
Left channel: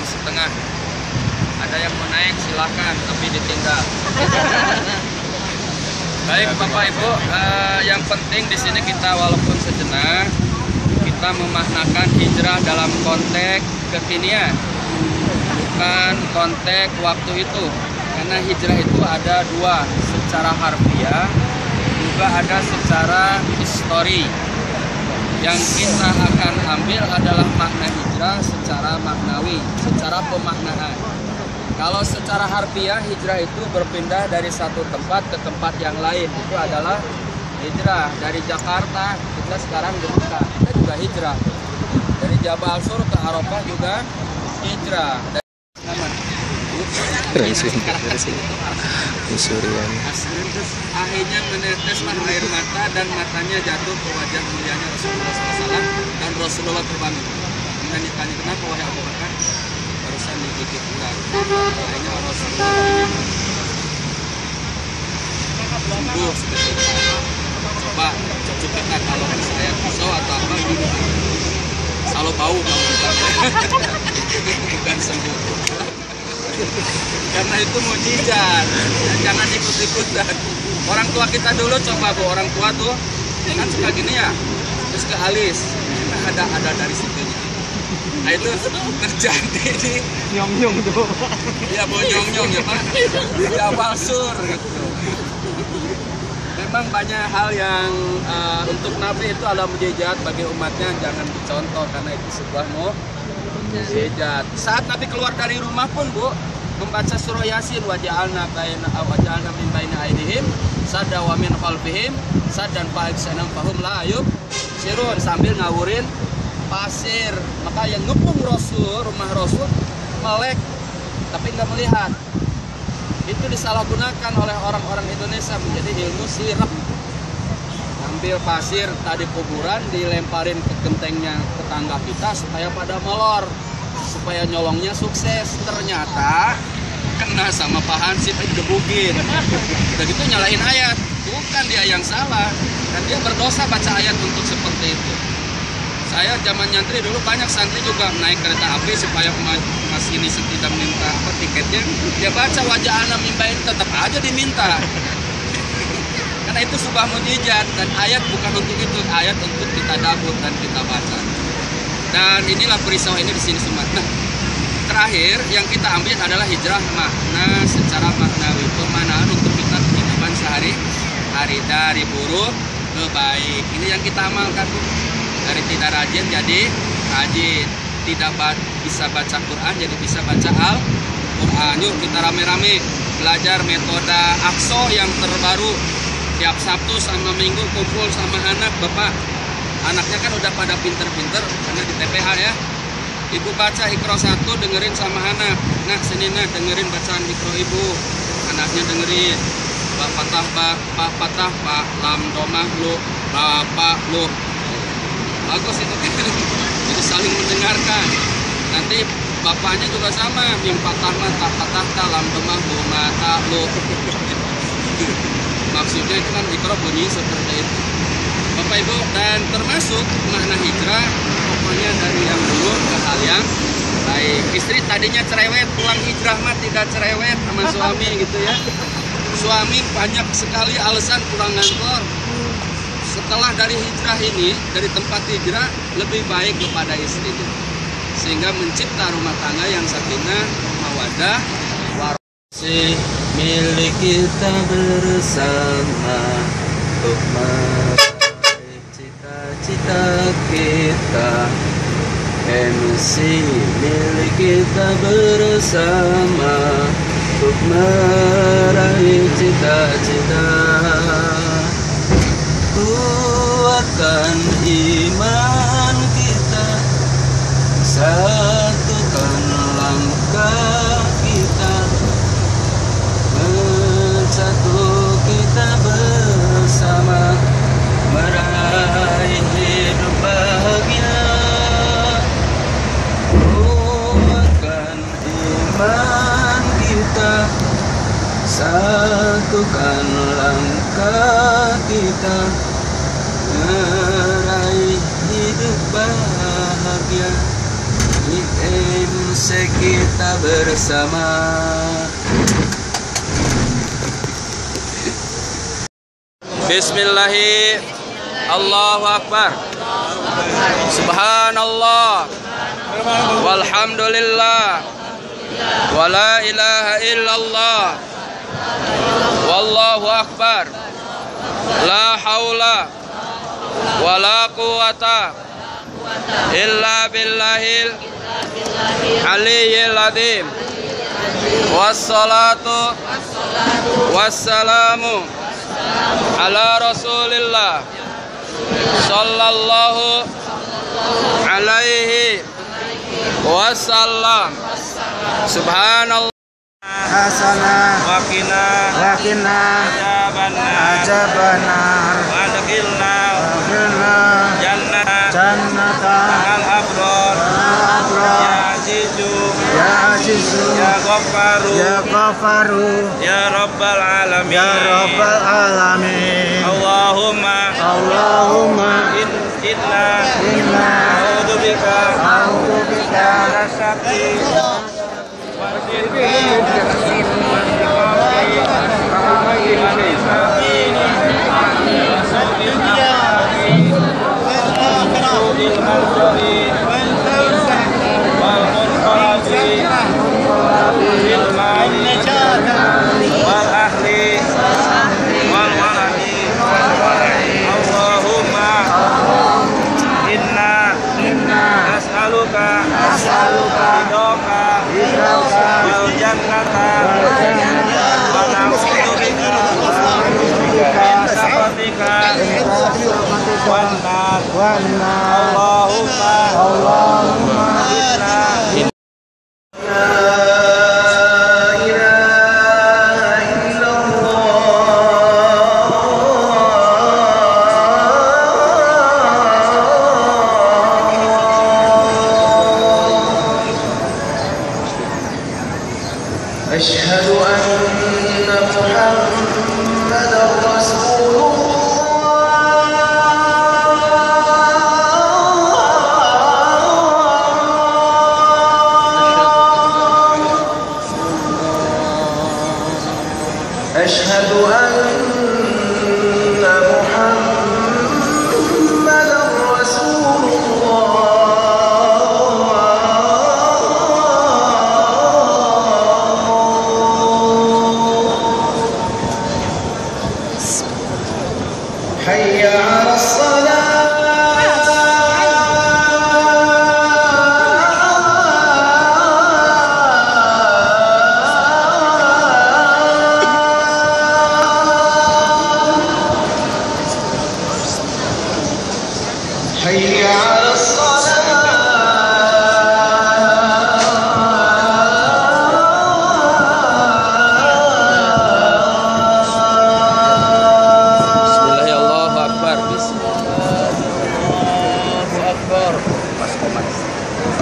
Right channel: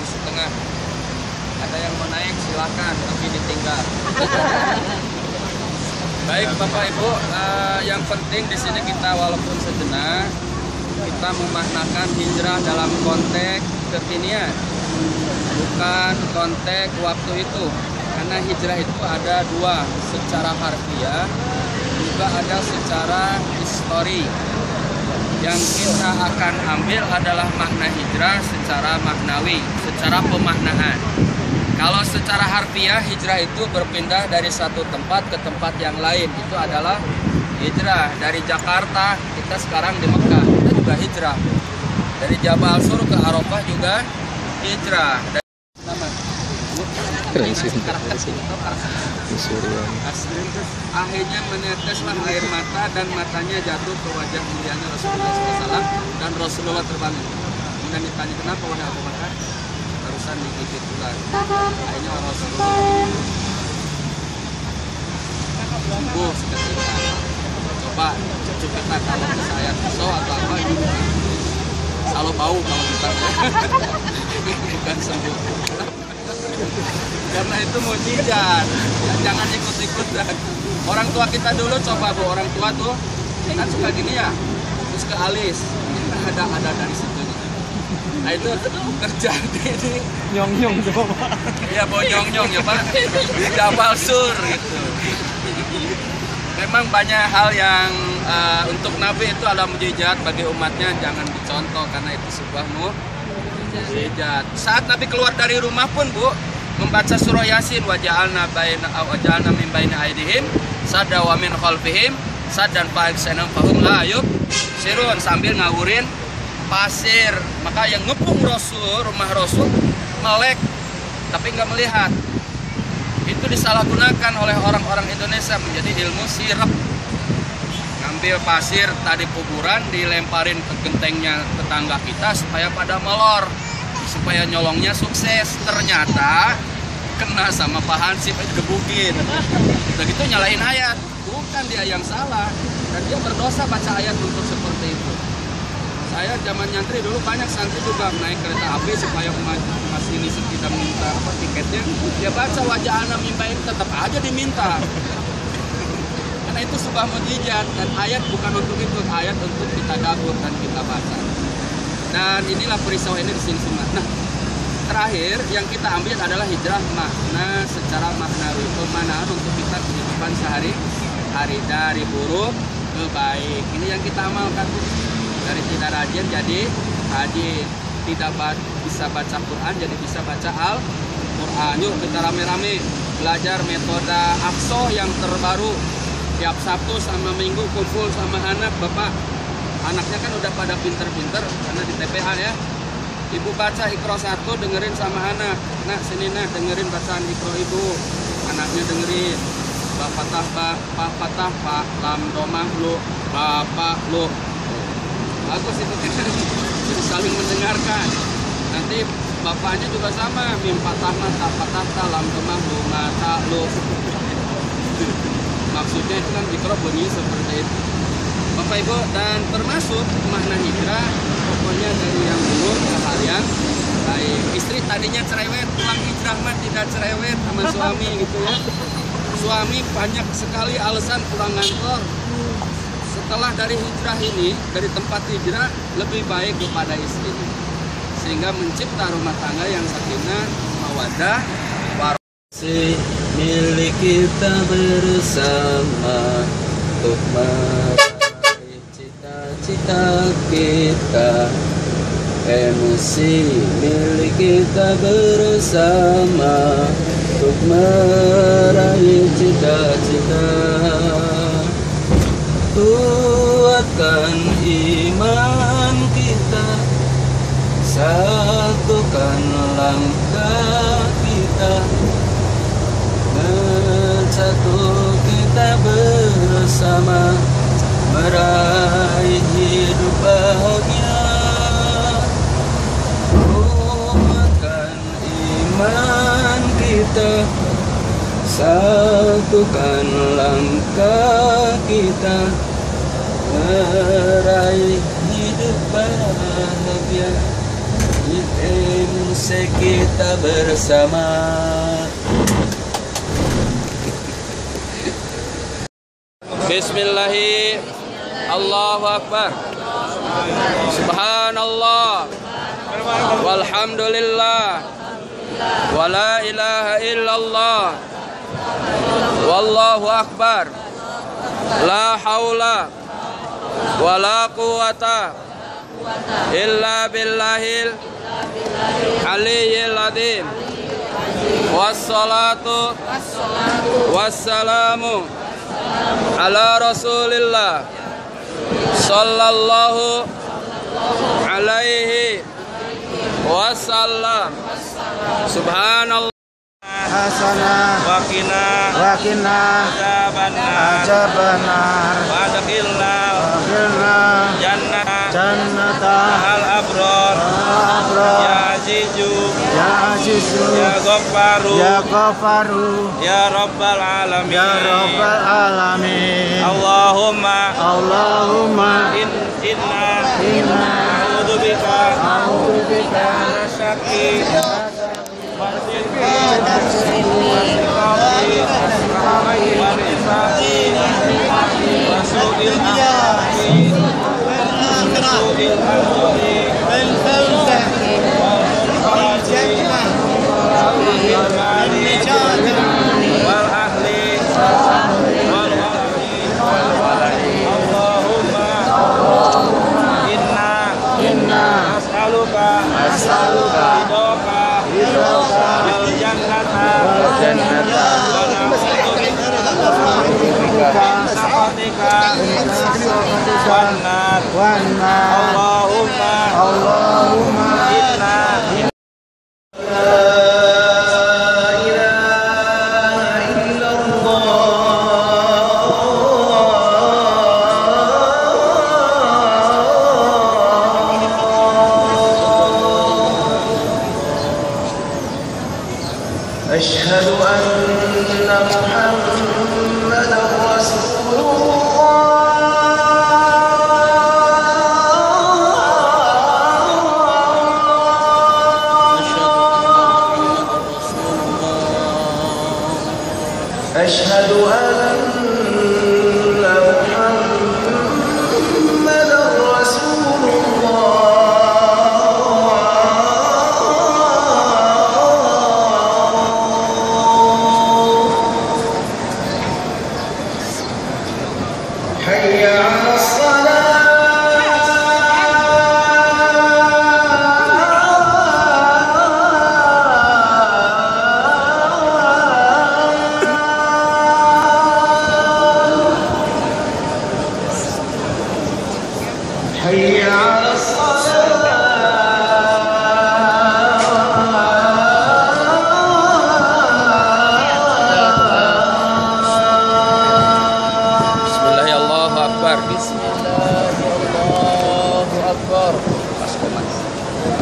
Ada yang mau naik silakan, tapi ditinggal. Baik Bapak Ibu, yang penting di sini kita walaupun sejenak kita memaknakan hijrah dalam konteks kekinian, bukan konteks waktu itu. Karena hijrah itu ada dua, secara harfiah juga ada secara histori. Yang kita akan ambil adalah makna hijrah secara maknawi, secara pemaknaan. Kalau secara harfiah, hijrah itu berpindah dari satu tempat ke tempat yang lain. Itu adalah hijrah. Dari Jakarta, kita sekarang di Mekah, kita juga hijrah. Dari Jabal Sur ke Arafah juga hijrah. Dari akhirnya meneteslah air mata dan matanya jatuh ke wajah mulianya Rasulullah SAW, dan Rasulullah terbangun. Kemudian ditanya, kenapa wahai Abu Bakar? Barusan digigit ular. Akhirnya Rasulullah begini, sembuh seketika. Coba cucu kita kalau saya pisau atau apa gini, selalu bau kalau kita bukan sembuh. Karena itu mukjizat ya, jangan ikut-ikutan. Orang tua kita dulu coba, Bu, orang tua tuh kan suka gini ya, terus ke alis, nah, ada dari situnya. Nah itu terjadi di nyong-nyong tuh, ya bonyong-nyong ya Pak, di Jabal Sur gitu. Memang banyak hal yang untuk Nabi itu adalah mukjizat, bagi umatnya jangan dicontoh karena itu sebuah mukjizat. Saat Nabi keluar dari rumah pun, Bu, membaca surah Yasin, waja'alna min baini aydihim sadda wa min khalfihim saddan fa'aksanam fahum la yubsirun, sambil ngawurin pasir. Maka yang ngepung Rasul, rumah Rasul, melek tapi nggak melihat. Itu disalahgunakan oleh orang-orang Indonesia menjadi ilmu sirap. Ngambil pasir tadi kuburan, dilemparin ke gentengnya tetangga kita supaya pada molor, supaya nyolongnya sukses. Ternyata kena sama Pak Hansip, digebukin. Udah gitu nyalain ayat, bukan dia yang salah, dan dia berdosa baca ayat untuk seperti itu. Saya zaman nyantri dulu, banyak santri juga naik kereta api supaya masinis tidak minta tiketnya, dia baca wajah anak mimbain, tetap aja diminta. Karena itu sebuah mukjizat dan ayat bukan untuk itu, ayat untuk kita tadabbur dan kita baca. Dan inilah peristiwa ini di sini semua. Nah, terakhir yang kita ambil adalah hijrah makna secara maknawi, pemanaan untuk kita kehidupan sehari-hari dari buruk ke baik. Ini yang kita amalkan, Bu. Dari tidak rajin jadi rajin, tidak bisa baca Quran jadi bisa baca Al-Quran. Yuk kita rame-rame belajar metode Aqsa yang terbaru. Tiap Sabtu sama Minggu kumpul sama anak, Bapak. Anaknya kan udah pada pinter-pinter karena di TPH ya. Ibu baca Iqra 1, dengerin sama anak. Nah, sini nah dengerin bacaan Iqra ibu. Anaknya dengerin. Patah pak lam domah lu bapak lu. Bagus itu kan. Jadi saling mendengarkan. Nanti bapaknya juga sama. Mim patah mata patah lam domah lu mata lu. Maksudnya itu kan Iqra bunyi seperti itu. Bapak Ibu, dan termasuk makna hijrah pokoknya dari yang buruk ke hal yang baik. Istri tadinya cerewet, pulang hijrah mah tidak cerewet sama suami gitu ya. Suami banyak sekali alasan pulang ngantor. Setelah dari hijrah ini, dari tempat hijrah lebih baik kepada istrinya. Sehingga mencipta rumah tangga yang sakinah, mawaddah, warahmah. Milik kita bersama untuk meraih cita-cita kita. MC milik kita bersama untuk meraih cita-cita. Kuatkan iman kita, satukan langkah kita, bersatu kita bersama meraih hidup bahagia. Kuatkan iman kita, satukan langkah kita, meraih hidup bahagia. IMC kita bersama. Bismillahi, Allahu Akbar, Subhanallah, walhamdulillah, wa la ilaha illallah, wallahu akbar, la haula wa la quwata illa billahil aliyyil azim. Wassalatu wassalamu ala Rasulillah sallallahu alaihi wasallam. Subhanallah hasanah wakina ajabanar wadkhilna jannata al abrar ya azizu ya ghafaru ya rabbal alamin Allahumma inna a'udzubika minasyarri as'aluka ridhoka wal jannata wa na'udzubika min sakhatika wan nar. Allahumma inna أشهد أن محمدا رسول الله.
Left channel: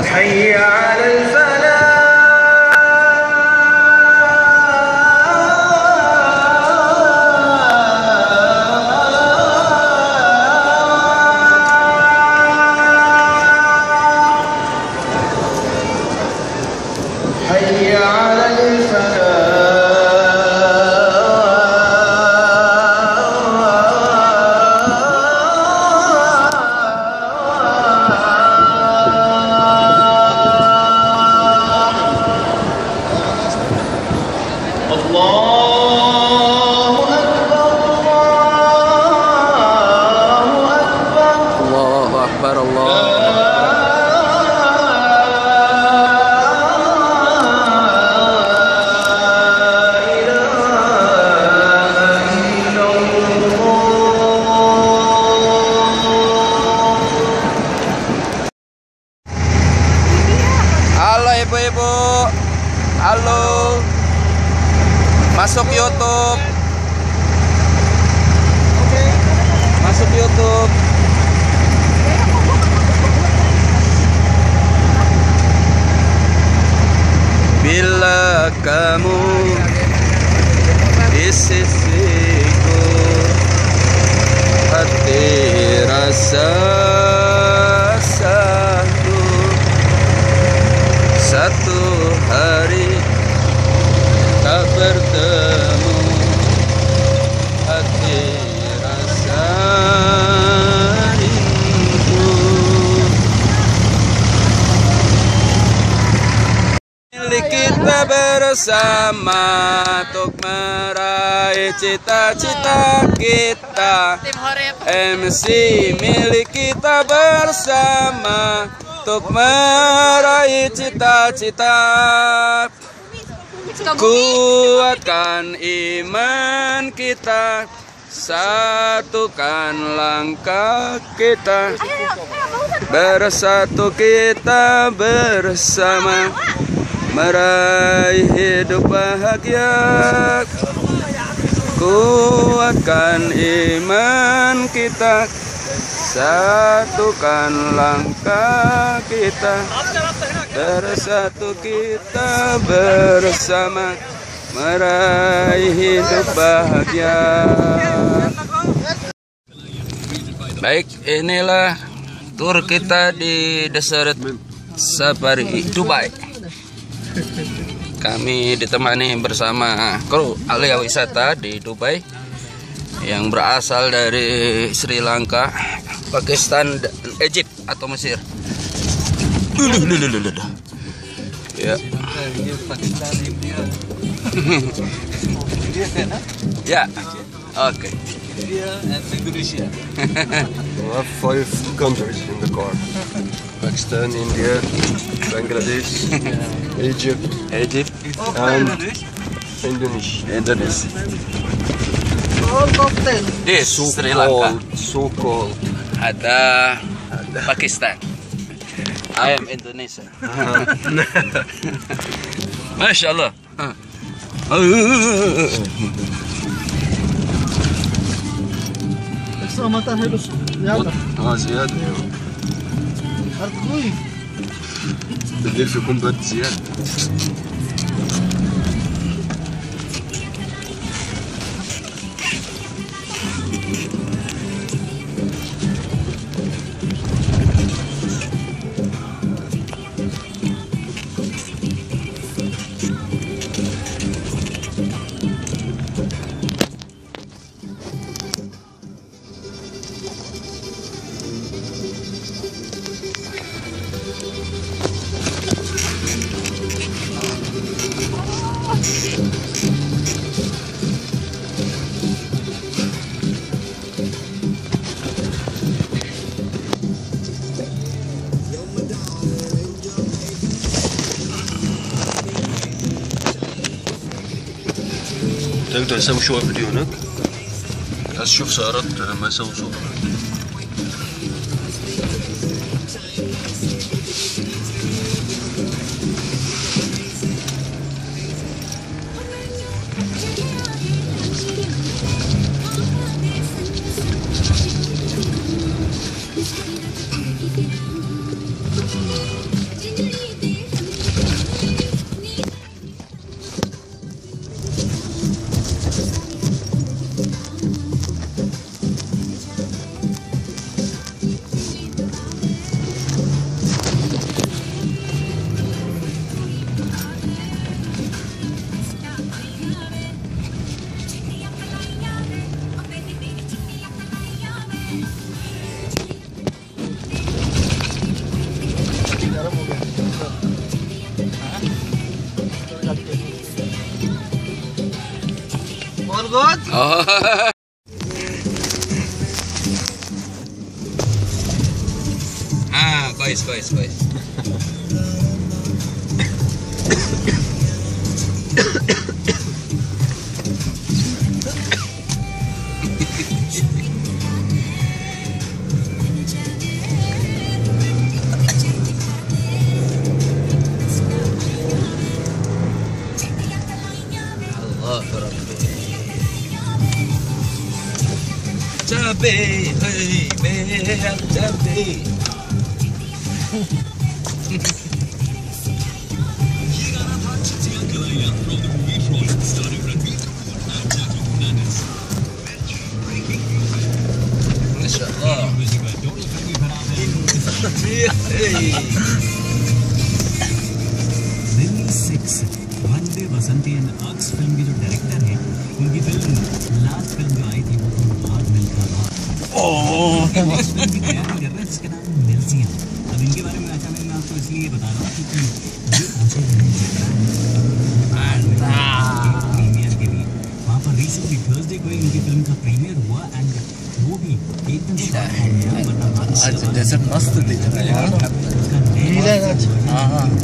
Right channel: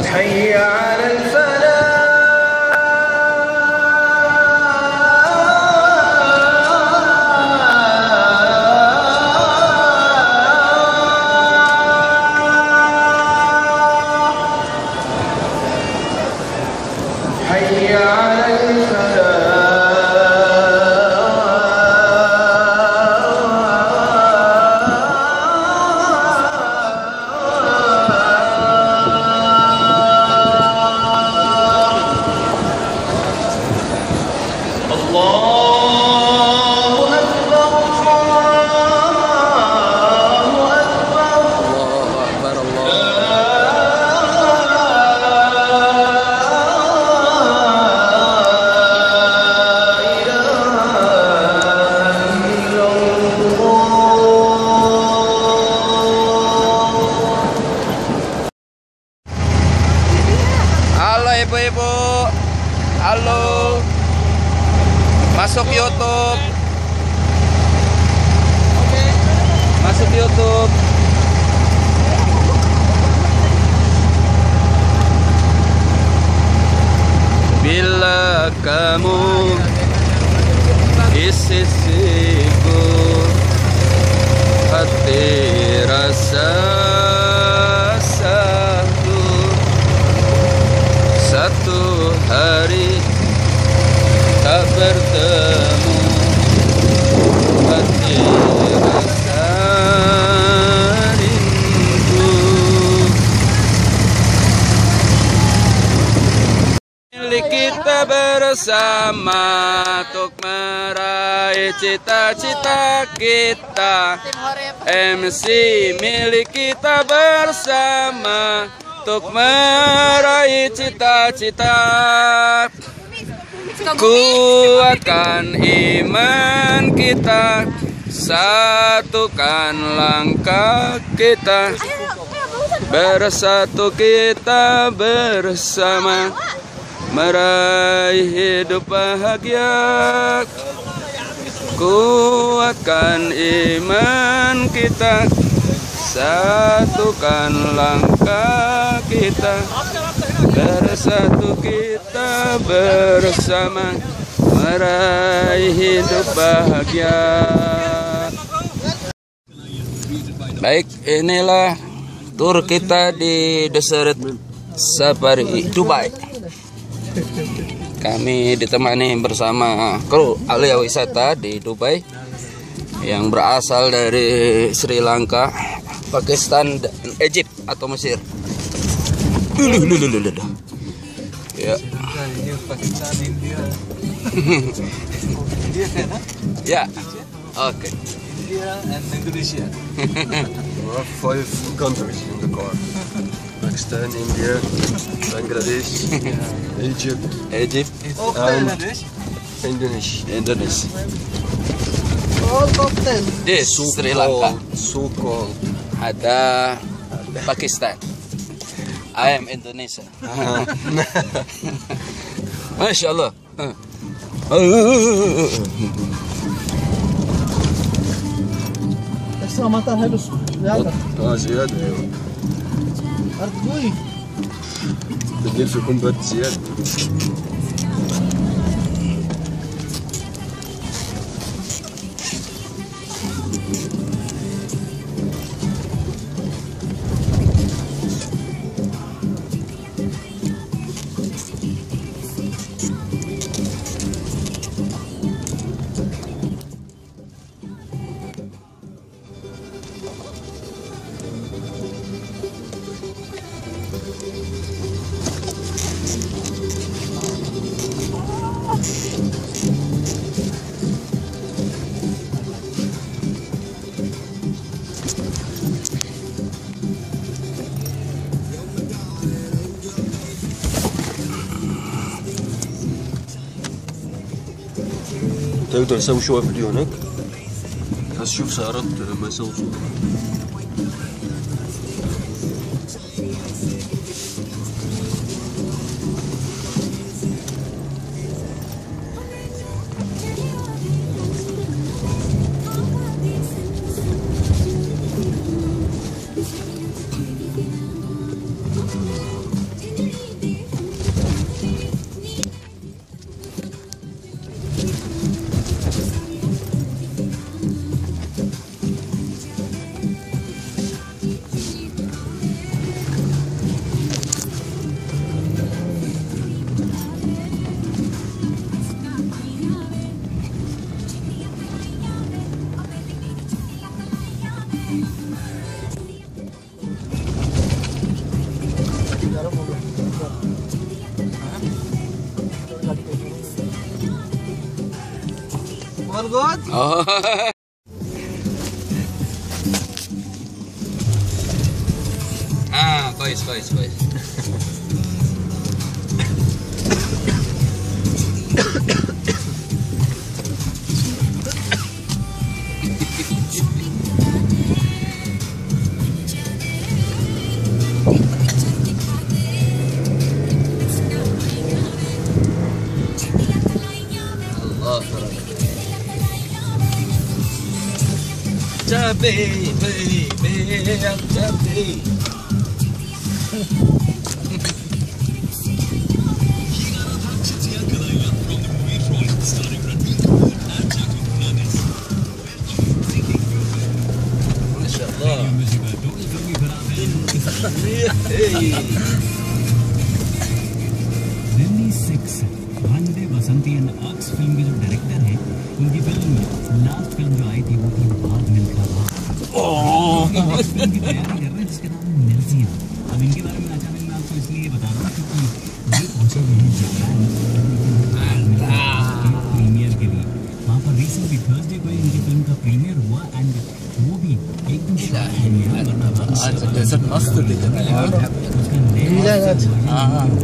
حي على الفلاح حي على Allahu Akbar, Allah. Halo ibu-ibu, halo, masuk YouTube, masuk YouTube. Bila kamu di sisiku, hati rasa satu hari tak bertemu, hati rasa rindu. Milik kita bersama untuk meraih cita-cita kita. MC milik kita bersama untuk meraih cita-cita. Kuatkan iman kita, satukan langkah kita, bersatu kita bersama meraih hidup bahagia. Kuatkan iman kita, satukan langkah kita, bersatu kita bersama meraih hidup bahagia. Baik, inilah tur kita di Desert Safari Dubai. Kami ditemani bersama kru Alia Wisata di Dubai yang berasal dari Sri Lanka, Pakistan, dan Egypt atau Mesir. Ya. Ya. Oke. Indonesia. We have 5 countries in the car: Pakistan, India, Bangladesh, Egypt, and Indonesia. This Sri Lanka. So called. Ada Pakistan. I am Indonesia. Masya Allah. زيادة بالليل يكون برد زيادة. تقدر تسوي شوية فيديو هناك، بس شوف سيارات لما يسووا صوت. good? Oh. Kois. Cabe, hey, cabe. Vande Basanti and arts film के जो डायरेक्टर हैं, इनकी film last film जो आई थी वो फिल्म बहुत मिलकर next film की तैयारी कर रहे हैं जिसका नाम मिर्जी है। अब इनके बारे में मैं आपको इसलिए बता रहा हूँ क्योंकि ये पहुंचे हुए हैं जापान प्रीमियर के लिए। वहाँ पर रिसेंटली थर्सडे को इनकी फिल्म का प्रीमियर हुआ एंड वो भी एकदम आज डेजर्ट मस्त दिख रहा है यार। उसका नया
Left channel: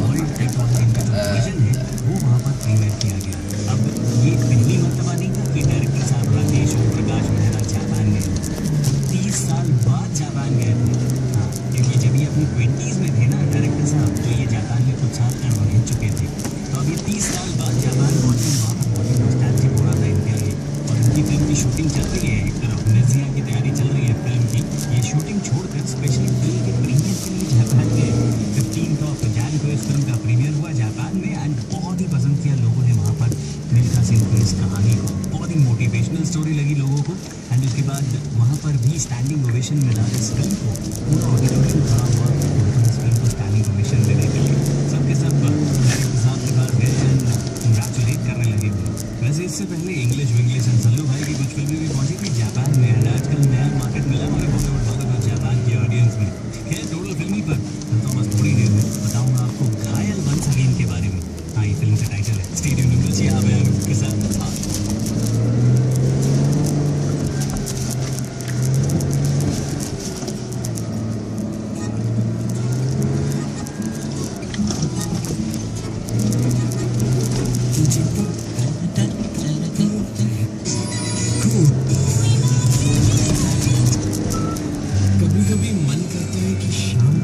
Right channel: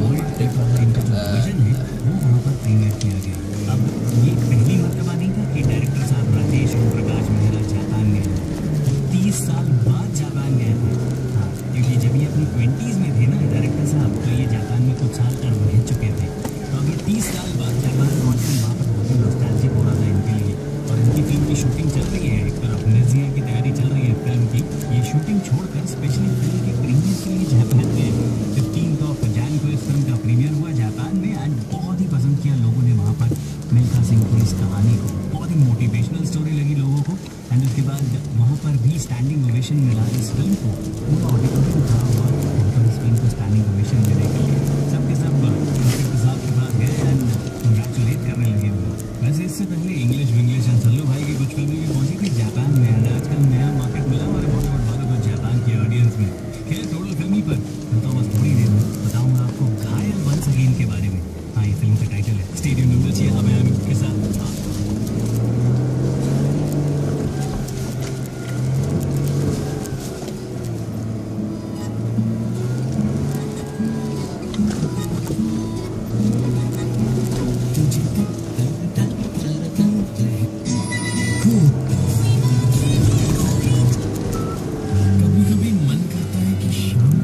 वर्ल्ड टाइप वाला इनका जो वर्जन है वो वहाँ पर प्रीमियर किया गया। अब ये पहली मर्तबा नहीं था कि डायरेक्टर साहब राकेश ओम प्रकाश मेहरा जापान गए। 30 साल बाद जापान गए थे। हाँ, क्योंकि जब ये अपनी 20s में थे ना डायरेक्टर साहब, तो ये जापान में कुछ साल रह चुके थे। तो अभी 30 साल बाद जापान पहुँचे, वहाँ पर बहुत ही नॉस्टैल्जिक हो रहा था इनके लिए। और इनकी फिल्म की शूटिंग चल रही है, एक तरफ मिर्जिया की तैयारी चल रही है फिल्म की। ये शूटिंग छोड़कर स्पेशली फिल्म के प्रीमियर के लिए जापान गए। 15 जनवरी को इस फिल्म का प्रीमियर हुआ जापान में एंड बहुत ही पसंद किया लोगों ने वहाँ पर मिल्खा सिंह की इस कहानी को। बहुत ही मोटिवेशनल स्टोरी लगी लोगों को एंड उसके बाद वहाँ पर भी स्टैंडिंग ओवेशन मिला इस फिल्म को। पूरा ऑडिटोरियम खड़ा हुआ वहाँ पर इस फिल्म को स्टैंडिंग ओवेशन देने के लिए। सबके सब डायरेक्टर साहब के पास गए एंड कंग्रेचुलेट करने लगे। वैसे इससे पहले इंग्लिश विंग्लिश एंड सल्लू भाई की कुछ फिल्में भी पहुँची थी जापान में एंड आजकल नया मार्केट मिला हमारे बॉलीवुड वालों को जापान की ऑडियंस में। खैर टोटल फिल्मी पर तो बस थोड़ी देर में बताऊँगा आपको घायल वंस अगेन के बारे में। हाँ, ये फिल्म का टाइटल है। स्टे ट्यून्ड विद जी, मैं आपके साथ। कभी कभी मन करता है कि शाम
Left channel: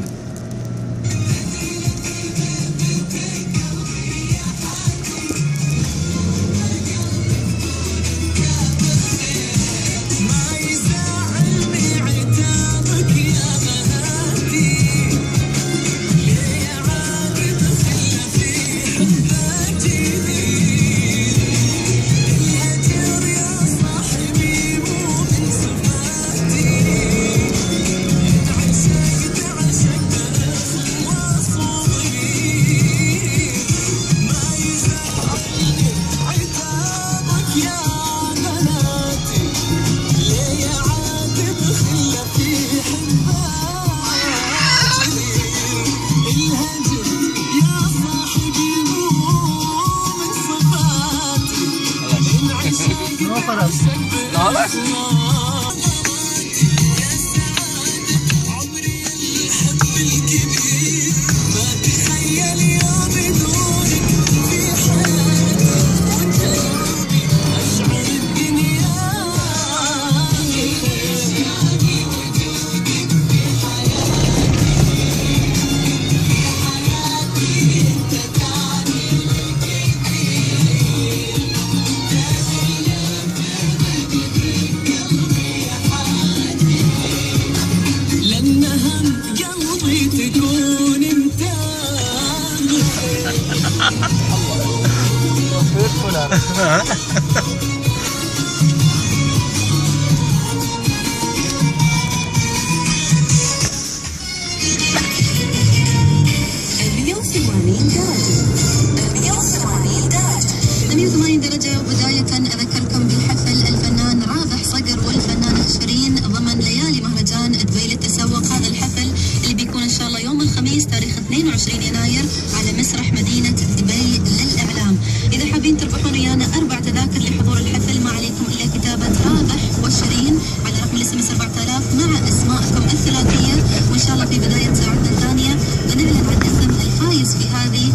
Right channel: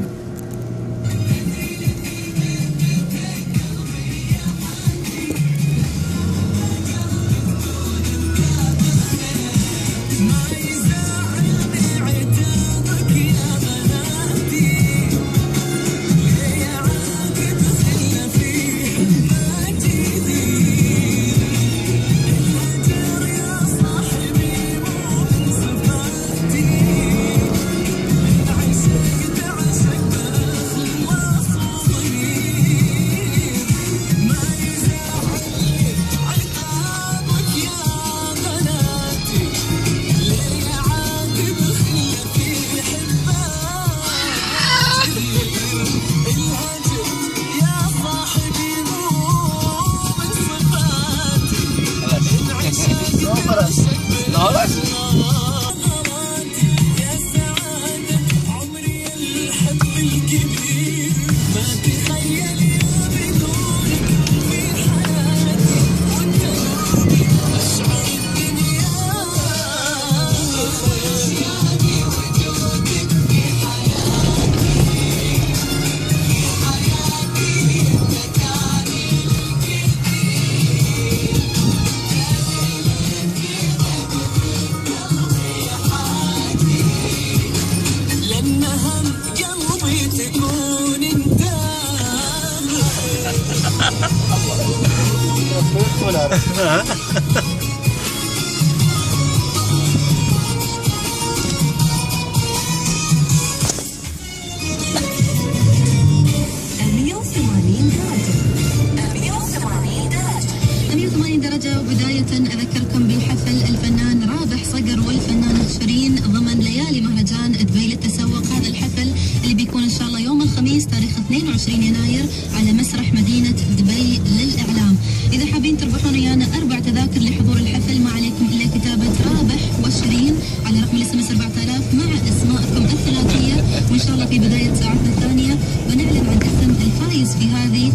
درجة. وبداية أذكركم بالحفل الفنان رابح صقر والفنانة شيرين ضمن ليالي مهرجان دبي للتسوق. هذا الحفل اللي بيكون إن شاء الله يوم الخميس تاريخ 22 يناير على مسرح مدينة دبي للإعلام. إذا حابين تربحون ويانا 4 تذاكر لحضور الحفل، ما عليكم إلا كتابة رابح وشيرين على رقم الاس 4000 مع اسماءكم الثلاثية، وإن شاء الله في بداية ساعتنا الثانية بنعلن عن اسم الفايز في هذه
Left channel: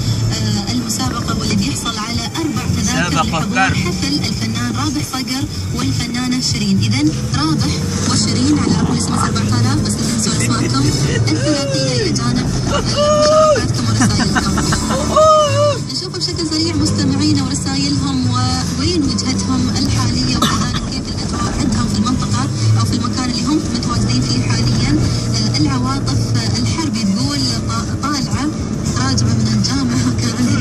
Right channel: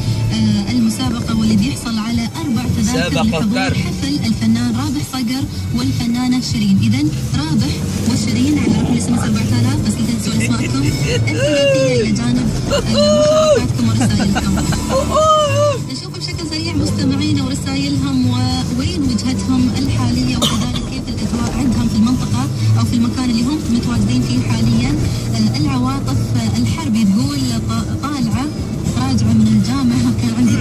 المسابقة، واللي بيحصل على 4 تذاكر لحضور حفل الفنان رابح صقر والفنانة شيرين. إذا رابح وشيرين على رقم الاس 4000، بس لا تنسوا اسماءكم الثلاثية إلى جانب مشاركاتكم ورسائلكم. نشوف بشكل سريع مستمعينا ورسائلهم ووين وجهتهم الحالية، وكذلك كيف الأجواء عندهم في المنطقة أو في المكان اللي هم متواجدين فيه حاليا. العواطف الحربي تقول طالعة راجعة من الجامعة، كان عندي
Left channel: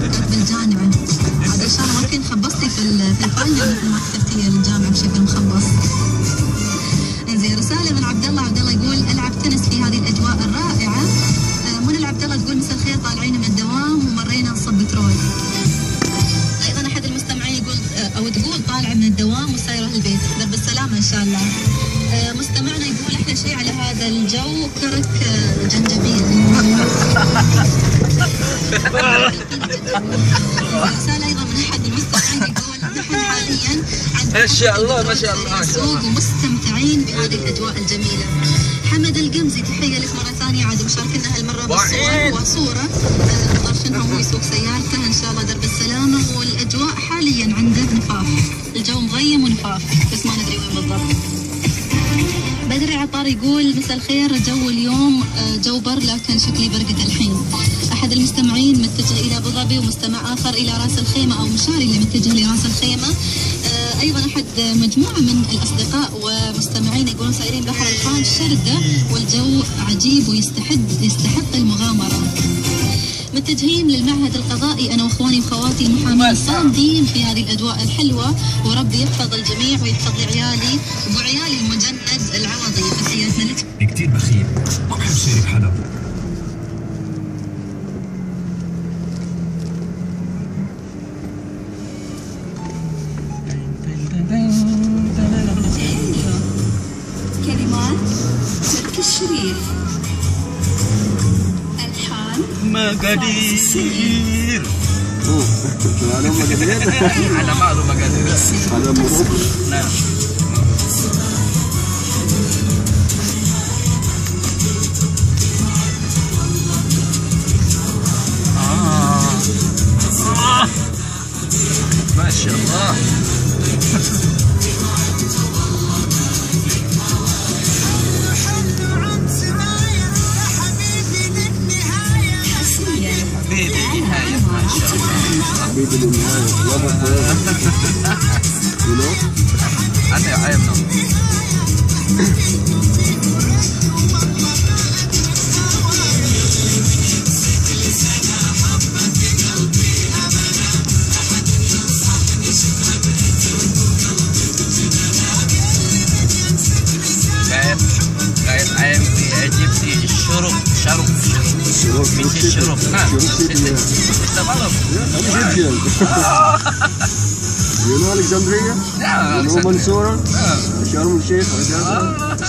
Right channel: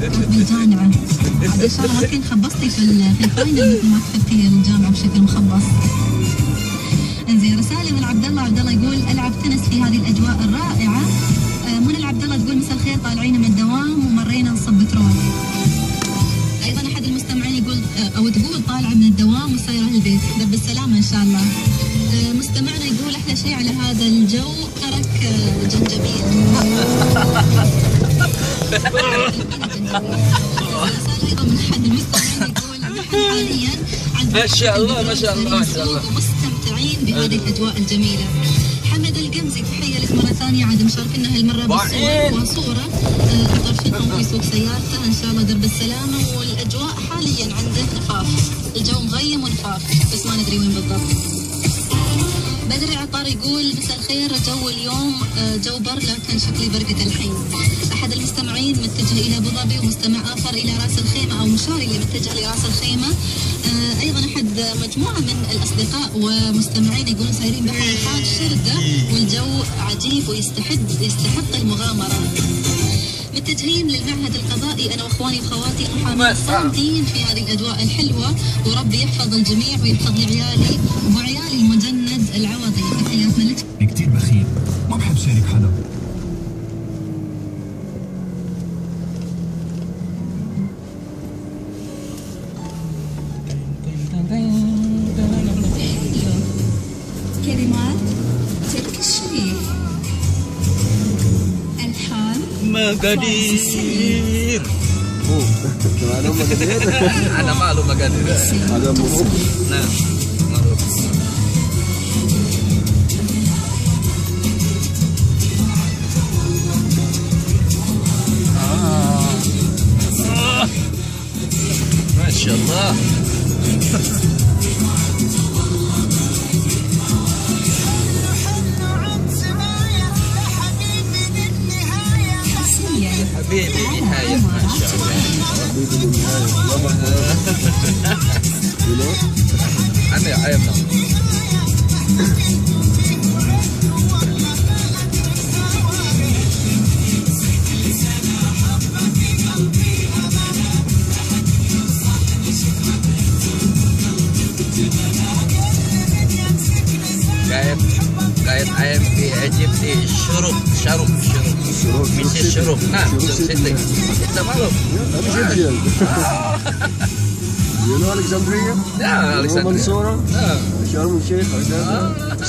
كانت بالجامعة عاد إن شاء الله ما كنت خبصتي في الفاينل مثل ما كتبتي الجامعة بشكل مخبص. انزين رسالة من عبد الله يقول ألعب تنس في هذه الأجواء الرائعة. منى العبد الله تقول مساء الخير، طالعين من الدوام ومرينا نصب بترول. ايضا احد المستمعين يقول او تقول طالعه من الدوام وسايره البيت، درب السلامه ان شاء الله. مستمعنا يقول احلى شيء على هذا الجو كرك جنجبيل. رساله ايضا من احد المستمعين يقول نحن حاليا ما شاء الله ما شاء الله ومستمتعين بهذه الاجواء الجميله. حمد القمزي تحيه لك مره ثانيه، عاد مشاركنا هالمره بالصور وصوره طرشنها وهو يسوق سيارته، ان شاء الله درب السلامه. والاجواء حاليا عنده نفاف، الجو مغيم ونفاف بس ما ندري وين بالضبط. بدر عطار يقول مساء الخير، جو اليوم جو بر لكن شكلي برقة الحين. احد المستمعين متجه الى ابو ظبي، ومستمع اخر الى راس الخيمه، او مشاري اللي متجه لراس الخيمه. ايضا احد مجموعه من الاصدقاء ومستمعين يقولون سايرين بحر الخان شردة والجو عجيب ويستحق المغامره. متجهين للمعهد القضائي انا واخواني وخواتي المحامين صامدين في هذه الاجواء الحلوه، وربي يحفظ الجميع ويحفظ لي عيالي وعيالي المجند العوضي. تحياتنا لك. كتير بخيل، ما بحب شارك حدا. كلمات تركي الشريف، الحان مقادير. معلوم مقادير؟ أنا معلوم مقادير. هذا مبروك. نعم. ما شاء الله. حبيبي نهاية ما شاء الله. حبيبي للنهاية. أنا عيبنا. قاعد عين في اجيبتي شروق في الشروق. نعم انت معروف. Egyptian. You know Alexandria? نعم You know Mansoura? شرم الشيخ,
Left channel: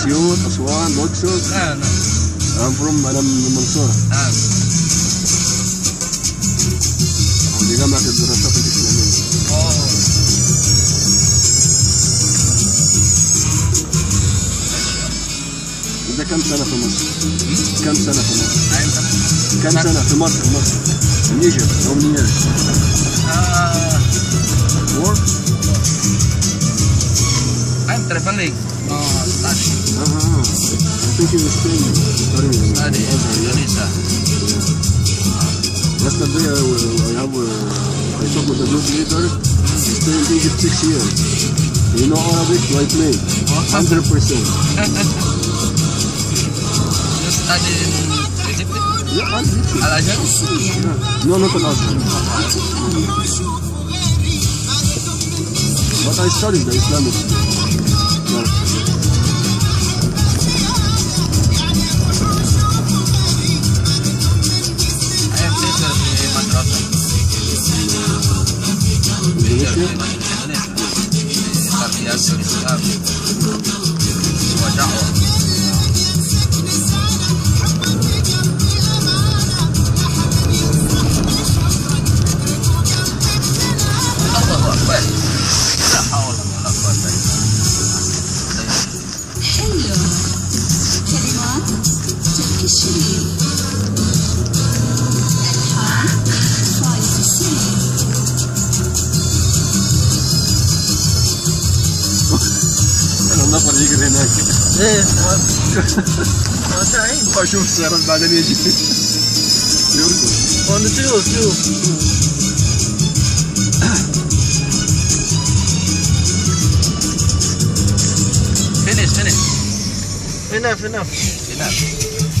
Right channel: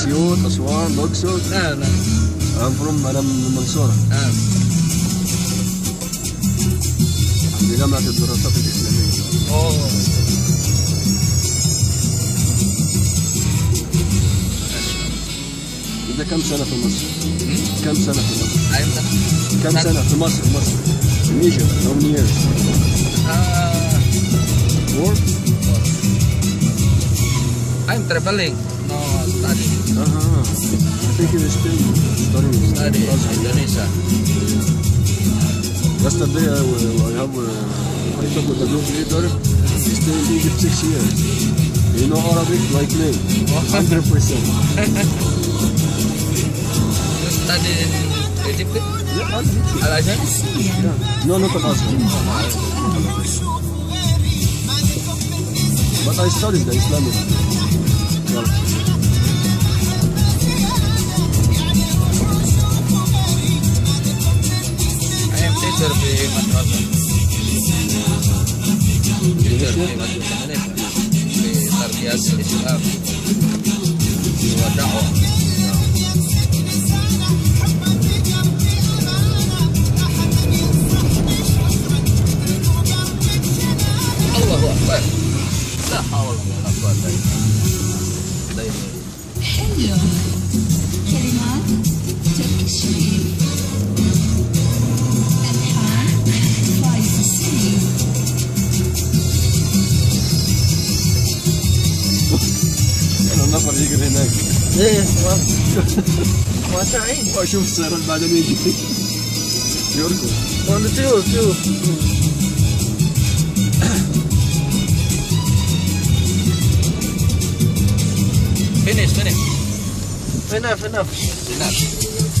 سيوط, أسوان, الأقصر. نعم أنا من منصورة. نعم. عندي جامعة الدراسات الإسلامية. أنت كم سنة في مصر؟ كم سنة في مصر؟ كم سنة في مصر؟ In Egypt, how many years? 4? I'm traveling. Study. I think you were studying in Azhar, yeah? Yesterday I talked with the group leader. He stayed in Egypt 6 years. You know Arabic like me? 100%. Studied in Egypt? Yeah, Egypt. Al-Azhar? Yeah. No, not Al-Azhar. But I studied the Islamic. Yeah. I am teacher di madrasah. Indonesia? Tarbiyah Islam. Wa dakwah. ليه؟ واسعين. واشوف السيارات بعدين يجي يركض. شوف. Finish. Enough.